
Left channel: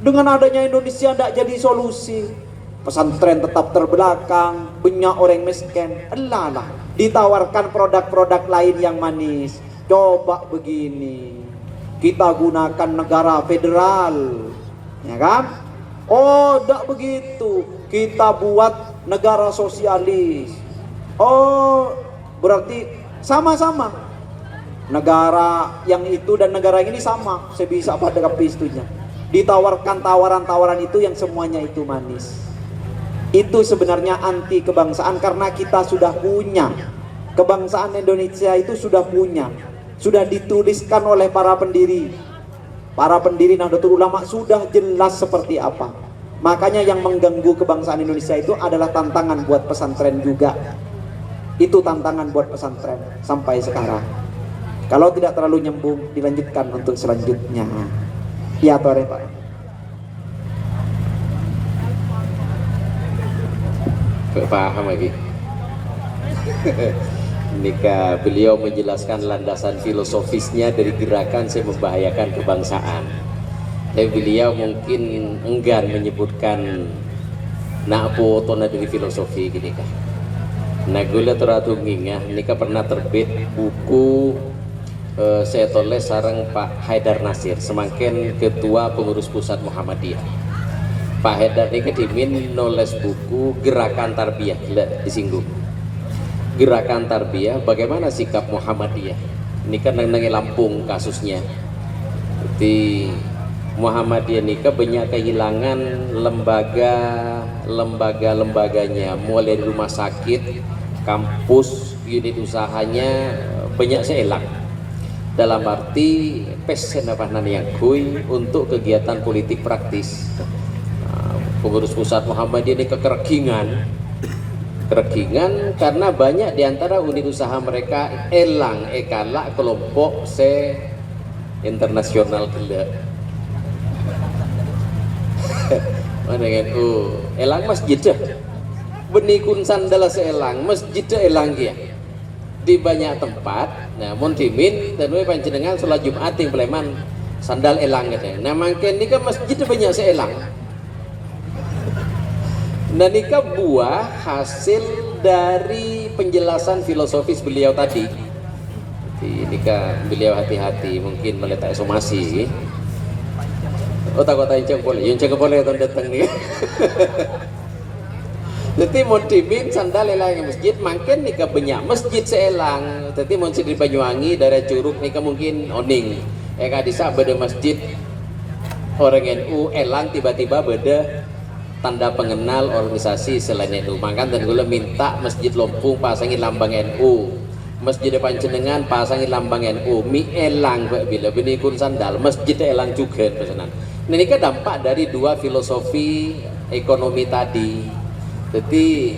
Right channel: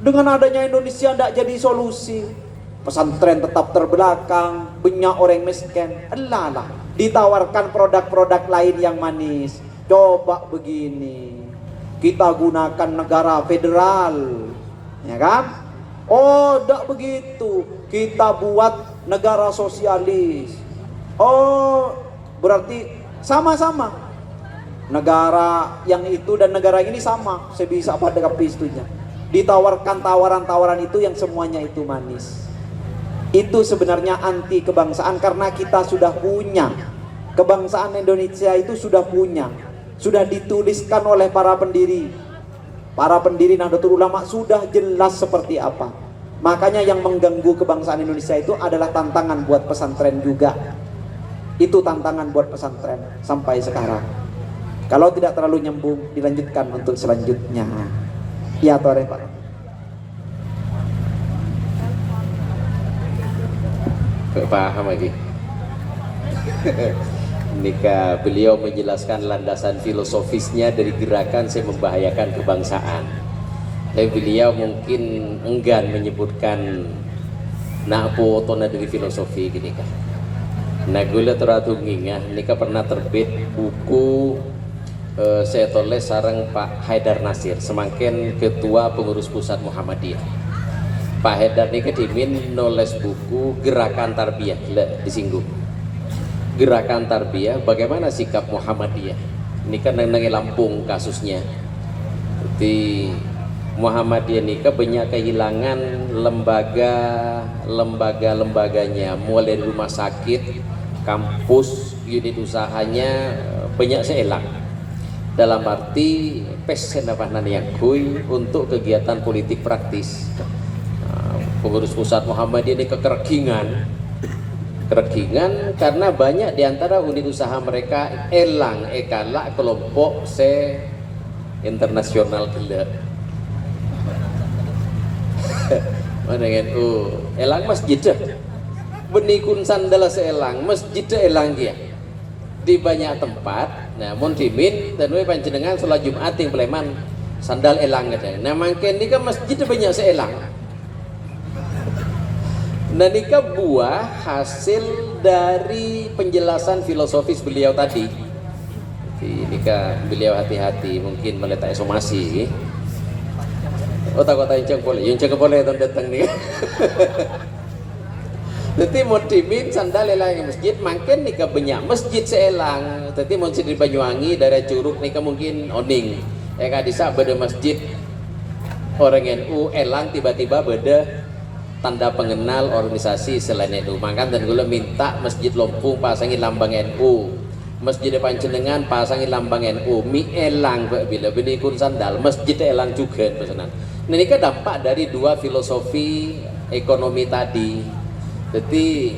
Dengan adanya Indonesia tidak jadi solusi. Pesantren tetap terbelakang, banyak orang miskin. Alah, ditawarkan produk-produk lain yang manis. Coba begini, kita gunakan negara federal, ya kan? Oh, tidak begitu. Kita buat negara sosialis. Oh, berarti sama-sama. Negara yang itu dan negara ini sama. Sebisa pada kapistunya. Ditawarkan tawaran-tawaran itu yang semuanya itu manis. Itu sebenarnya anti kebangsaan karena kita sudah punya. Kebangsaan Indonesia itu sudah punya. Sudah dituliskan oleh para pendiri Nahdlatul Ulama sudah jelas seperti apa. Makanya yang mengganggu kebangsaan Indonesia itu adalah tantangan buat pesantren juga. Itu tantangan buat pesantren sampai sekarang. Kalau tidak terlalu nyambung dilanjutkan untuk selanjutnya. Ya Tore Pak. Gak paham lagi. Nikah beliau menjelaskan landasan filosofisnya dari gerakan saya membahayakan kebangsaan. Tapi beliau mungkin enggan menyebutkan napo tona dari filosofi gini kah. Nah gula teratungingnya nikah pernah terbit buku saya tulis sarang Pak Haidar Nasir semakin ketua pengurus pusat Muhammadiyah. Pak Haidar ini kedimin nulis buku Gerakan Tarbiyah, disinggung Gerakan Tarbiyah bagaimana sikap Muhammadiyah. Ini kan nengi Lampung kasusnya. Jadi Muhammadiyah nikah banyak kehilangan lembaganya, mulai dari rumah sakit, kampus, unit usahanya banyak seelang. Dalam arti pesen apa yang kui untuk kegiatan politik praktis. Pengurus pusat Muhammadiyah ini kekergingan karena banyak diantara unit usaha mereka ekalak kelompok internasional gila. Mana NU elang masjid benikun sandala seelang masjid elang dia di banyak tempat. Nah mun dimin tenue panjenengan salat Jumat yang Pleman sandal elang gitu. Nah mangken ini kan masjid banyak seelang. Nah nikah buah hasil dari penjelasan filosofis beliau tadi. Jadi nikah beliau hati-hati mungkin meletak somasi. Otak-otak yang boleh tahun datang nih. Jadi mau dimin sandal elang masjid makin nikah banyak masjid seelang. Jadi mau di Banyuwangi daerah Curug nikah mungkin oning. Eka disa beda masjid orang NU elang tiba-tiba beda tanda pengenal organisasi selain NU. Makan dan gula minta masjid Lompung pasangin lambang NU, masjid panjenengan pasangin lambang NU, mi elang bila benikun sandal masjid elang juga pesanan. Ini kan dampak dari dua filosofi ekonomi tadi. Jadi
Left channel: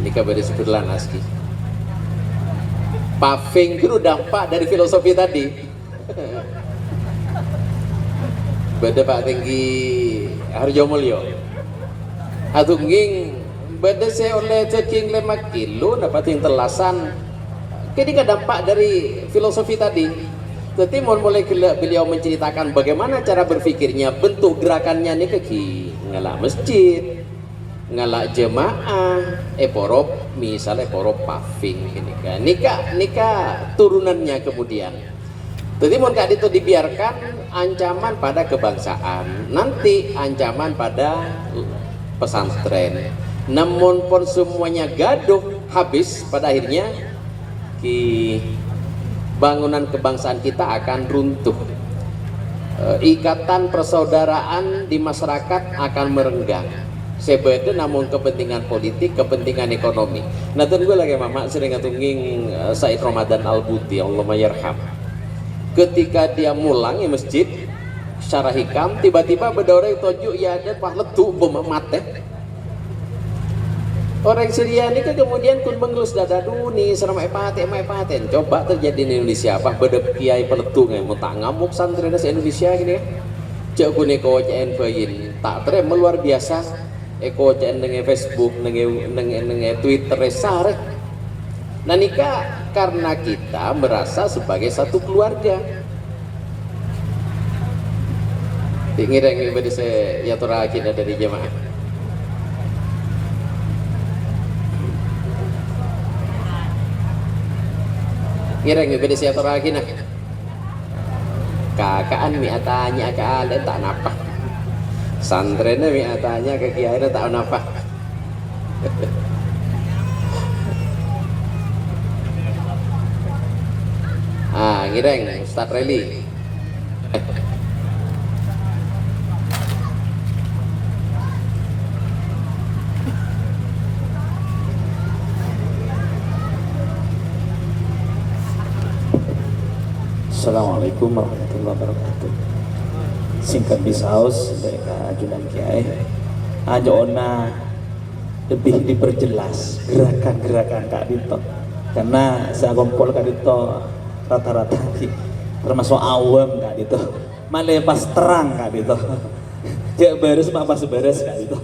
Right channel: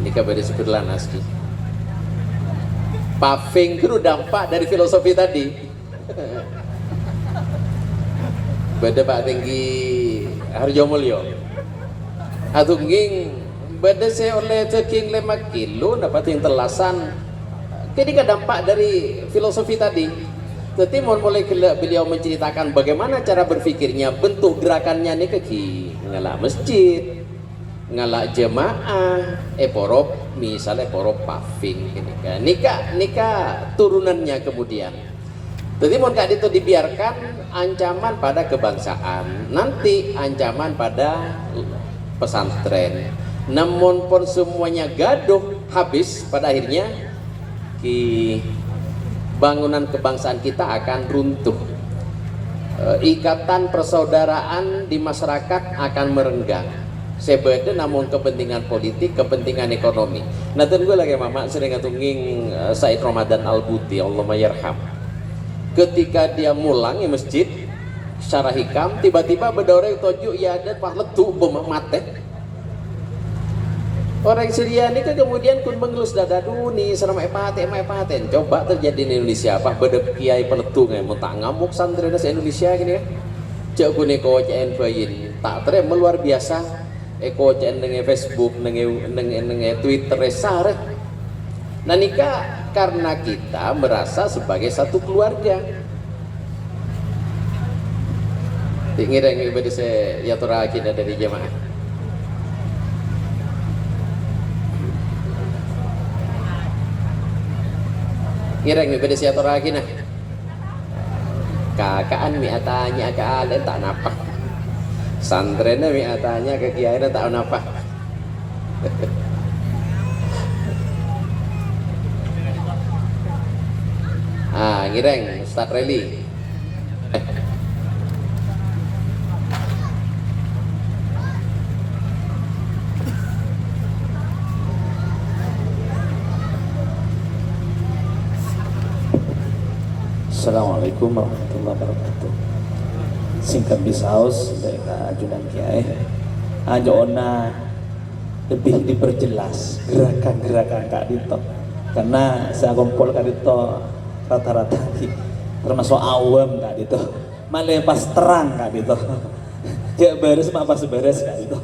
ini kabar disebutlah naski. Paving itu dampak dari filosofi tadi. Beda Pak Tinggi Harjomulyo Atungging beda saya oleh ceking 5 kilo dapat yang telasan ketika dampak dari filosofi tadi. Jadi mulai beliau menceritakan bagaimana cara berpikirnya, bentuk gerakannya nih keki ngelak masjid, ngelak jemaah, porop misalnya porop paving gini kan. Nikah turunannya kemudian. Jadi mau gak itu dibiarkan ancaman pada kebangsaan, nanti ancaman pada pesantren. Namun pun semuanya gaduh habis pada akhirnya bangunan kebangsaan kita akan runtuh. Ikatan persaudaraan di masyarakat akan merenggang. Sebetulnya namun kepentingan politik, kepentingan ekonomi. Nah dan gue lagi mama sering ngatungin Said Ramadan Al-Buti, Allahumma yarham. Ketika dia mulang di masjid secara hikam tiba-tiba berdorong tojuk ya ada pas letu bom mate. Orang Syria ini kan kemudian pun mengelus dada nih serama epaten coba terjadi di Indonesia apa beda kiai peletu nih mau tak ngamuk santri di Indonesia gini cek gune kocain bayin tak terem luar biasa kocain dengan Facebook dengan Twitter sare. Nah nikah karena kita merasa sebagai satu keluarga. Ingin ibadah saya ya terakhir dari jemaah. Ingin ibadah saya terakhir nah. Kakaan miatanya ke ale tak napa. Santrena miatanya ke kiai tak napa. Ngireng Ustaz Reli. Assalamualaikum warahmatullahi wabarakatuh. Singkat bisaus dari ajudan kiai. Aja ona lebih diperjelas gerakan-gerakan Kak Dito. Karena saya kumpul Kak Dito rata-rata termasuk awam Kak Dito. Malah pas terang Kak Dito. Cek beres pas beres Kak Dito.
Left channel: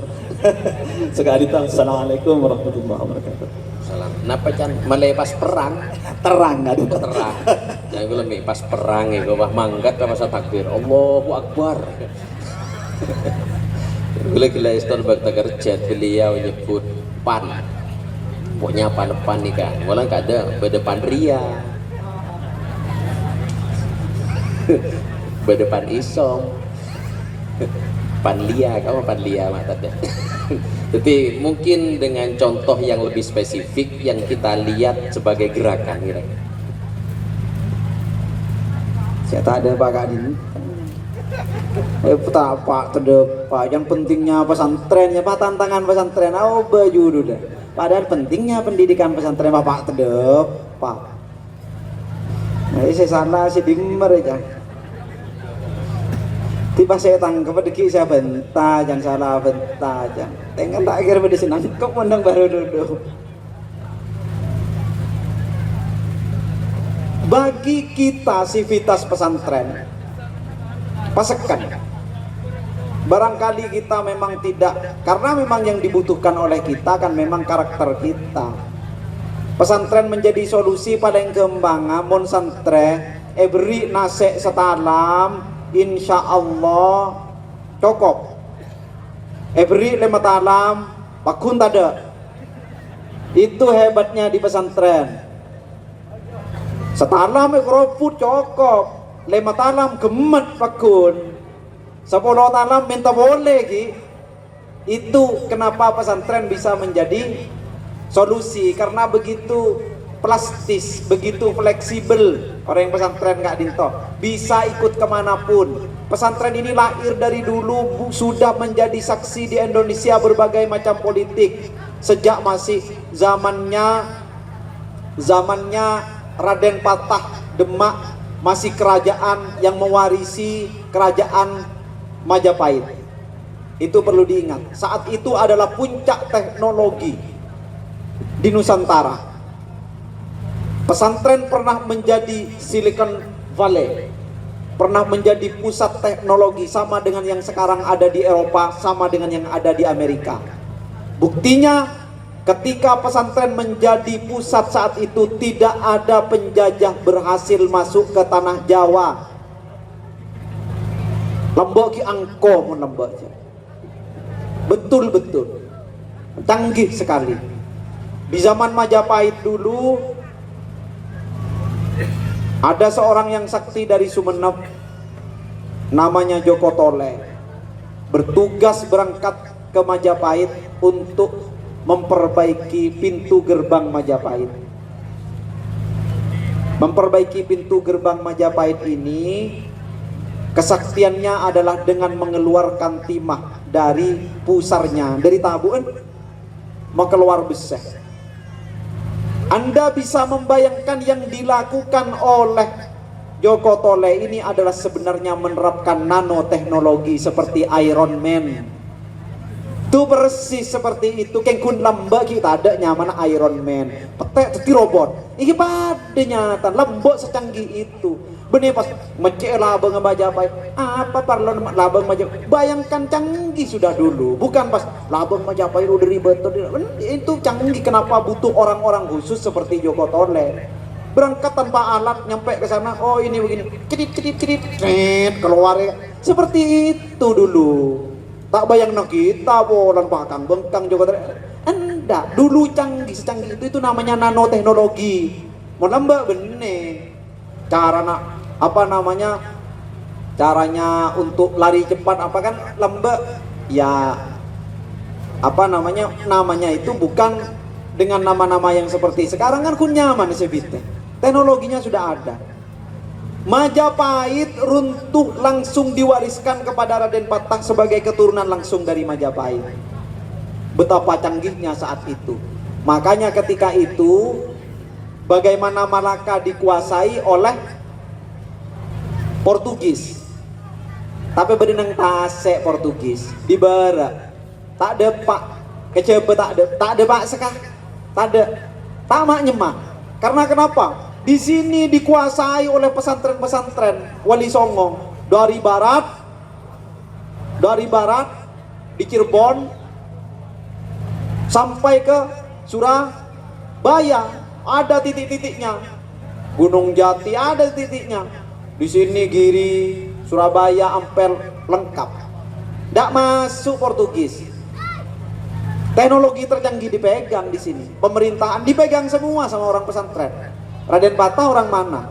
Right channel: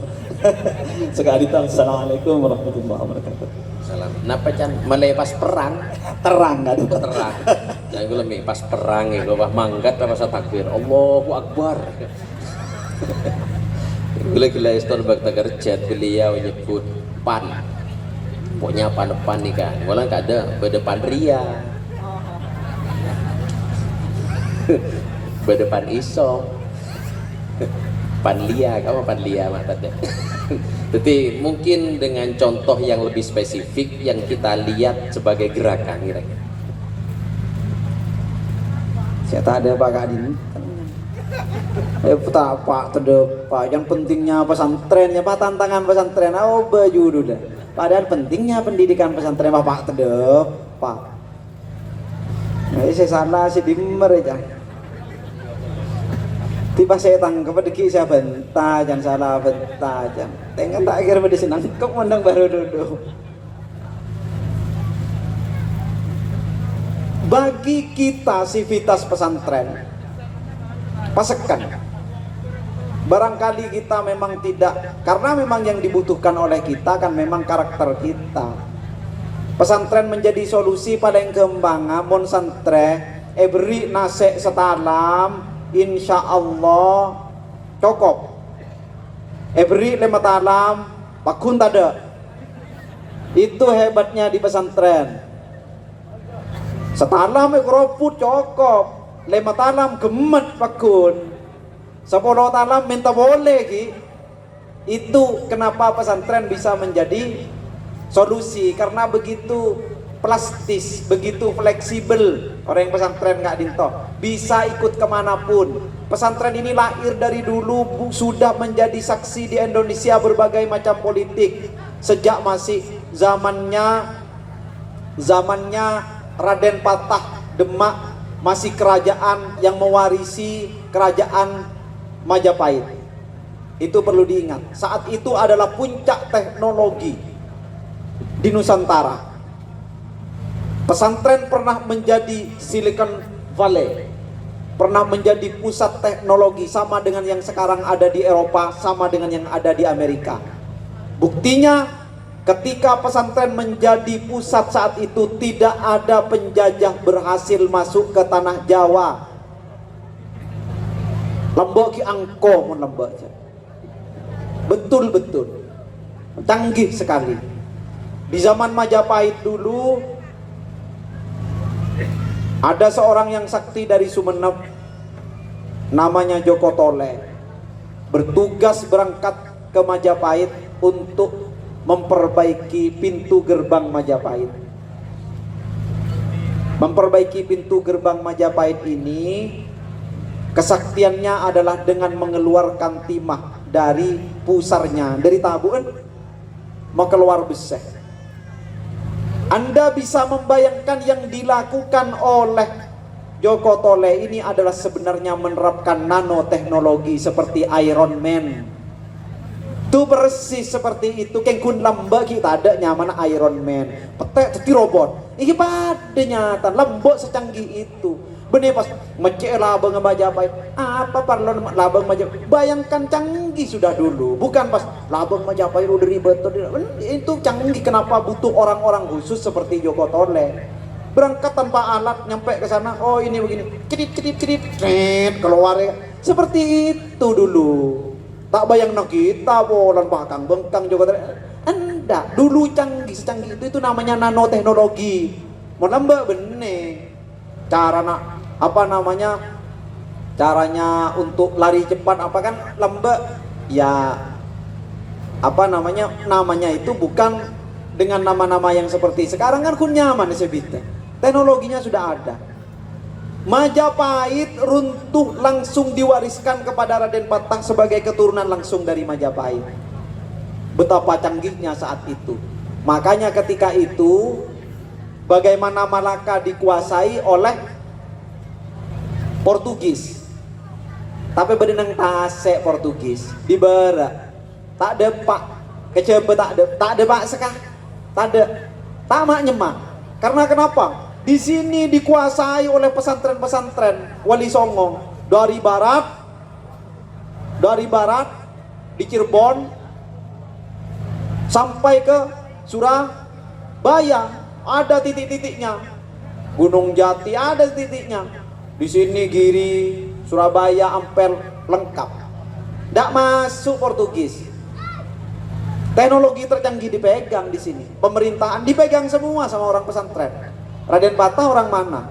Sekali Dito. Assalamualaikum warahmatullahi wabarakatuh. Waalaikumsalam. Napa can melepas perang? Terang aduh. Terang. Jadi gue lebih pas perang ya, gue manggat apa masa takbir. Allahu Akbar. Gila iston bakta kerja beliau nyebut pan. Pokoknya pan nih kan. Malah gak ada berdepan ria. Berdepan isom. Panlia, kamu panlia mata deh. Jadi mungkin dengan contoh yang lebih spesifik yang kita lihat sebagai gerakan kira-kira. Saya tak ada Pak Kadin. Tak Pak terdepan. Yang pentingnya pesantrennya Pak, tantangan pesantren. Oh baju dulu deh. Padahal pentingnya pendidikan pesantren Pak terdepan. Nah, saya salah si dimmer aja. Tiba saya tangkap deki saya bentar, jangan salah bentar jangan. Tengah tak akhir pada senang kok menang baru duduk. Bagi kita sivitas pesantren, pasekan. Barangkali kita memang tidak, karena memang yang dibutuhkan oleh kita kan memang karakter kita. Pesantren menjadi solusi pada yang kembangan mon santre, beri nasek setalam. Insya Allah cukup. Beri 5 talam, pakun tada. Itu hebatnya di pesantren. Setalam ekroput cukup. 5 talam gemet pakun. 10 talam minta boleh ki. Itu kenapa pesantren bisa menjadi solusi, karena begitu plastis, begitu fleksibel. Orang yang pesantren nggak dinto bisa ikut kemanapun. Pesantren ini lahir dari dulu sudah menjadi saksi di Indonesia berbagai macam politik sejak masih zamannya Raden Patah Demak, masih kerajaan yang mewarisi kerajaan Majapahit. Itu perlu diingat. Saat itu adalah puncak teknologi di Nusantara. Pesantren pernah menjadi Silicon Valley, pernah menjadi pusat teknologi sama dengan yang sekarang ada di Eropa, sama dengan yang ada di Amerika. Buktinya ketika pesantren menjadi pusat saat itu, tidak ada penjajah berhasil masuk ke tanah Jawa. Lombok ki angko mun lombok. Betul-betul canggih sekali. Di zaman Majapahit dulu ada seorang yang sakti dari Sumeneb, namanya Joko Tole, bertugas berangkat ke Majapahit untuk memperbaiki pintu gerbang Majapahit. Memperbaiki pintu gerbang Majapahit ini, kesaktiannya adalah dengan mengeluarkan timah dari pusarnya, dari tabungan mengeluar besar. Anda bisa membayangkan yang dilakukan oleh Joko Tole ini adalah sebenarnya menerapkan nanoteknologi seperti Iron Man. Itu persis seperti itu. Kengkun lembak kita ada nyaman Iron Man. Petek teti robot. Ini pada nyata lembok secanggih itu. Benih pas mecek labang Majapahit. Apa parlon labang Majapahit? Bayangkan canggih sudah dulu. Bukan pas labang Majapahit udah ribet. Itu canggih. Kenapa butuh orang-orang khusus seperti Joko Tole? Berangkat tanpa alat, nyampe ke sana. Oh ini begini. Cedit, keluar ya. Seperti itu dulu. Tak bayang kita bolan pakang bengkang Joko Tole. Anda dulu canggih secanggih itu namanya nanoteknologi. Mau lembak benih. Caranya untuk lari cepat apa kan lembek ya, apa namanya itu bukan dengan nama-nama yang seperti sekarang kan kun nyaman sebite. Teknologinya sudah ada. Majapahit runtuh langsung diwariskan kepada Raden Patah sebagai keturunan langsung dari Majapahit. Betapa canggihnya saat itu. Makanya ketika itu bagaimana Malaka dikuasai oleh Portugis, tapi berinang tasek Portugis di barat tak ada pak kecebe tak ada pak sekah tak ada tamak nyemak. Karena kenapa? Di sini dikuasai oleh pesantren-pesantren Wali Songo dari barat di Cirebon sampai ke Bayang, ada titik-titiknya. Gunung Jati ada titiknya. Di sini Giri, Surabaya, Ampel lengkap. Tidak masuk Portugis. Teknologi tercanggih dipegang di sini. Pemerintahan dipegang semua sama orang pesantren. Raden Patah orang mana?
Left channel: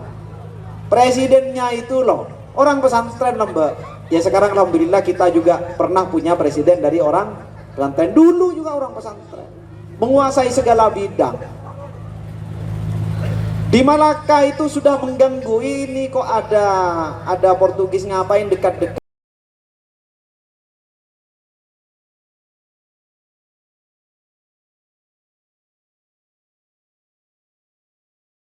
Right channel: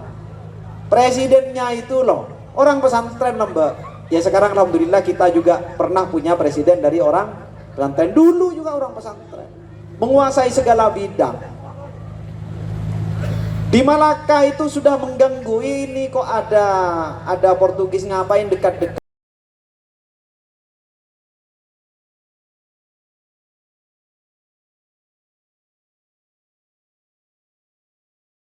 Presidennya itu loh orang pesantren Mbak. Ya sekarang alhamdulillah kita juga pernah punya presiden dari orang pesantren. Dulu juga orang pesantren. Menguasai segala bidang. Di Malaka itu sudah mengganggu, ini kok ada Portugis ngapain dekat-dekat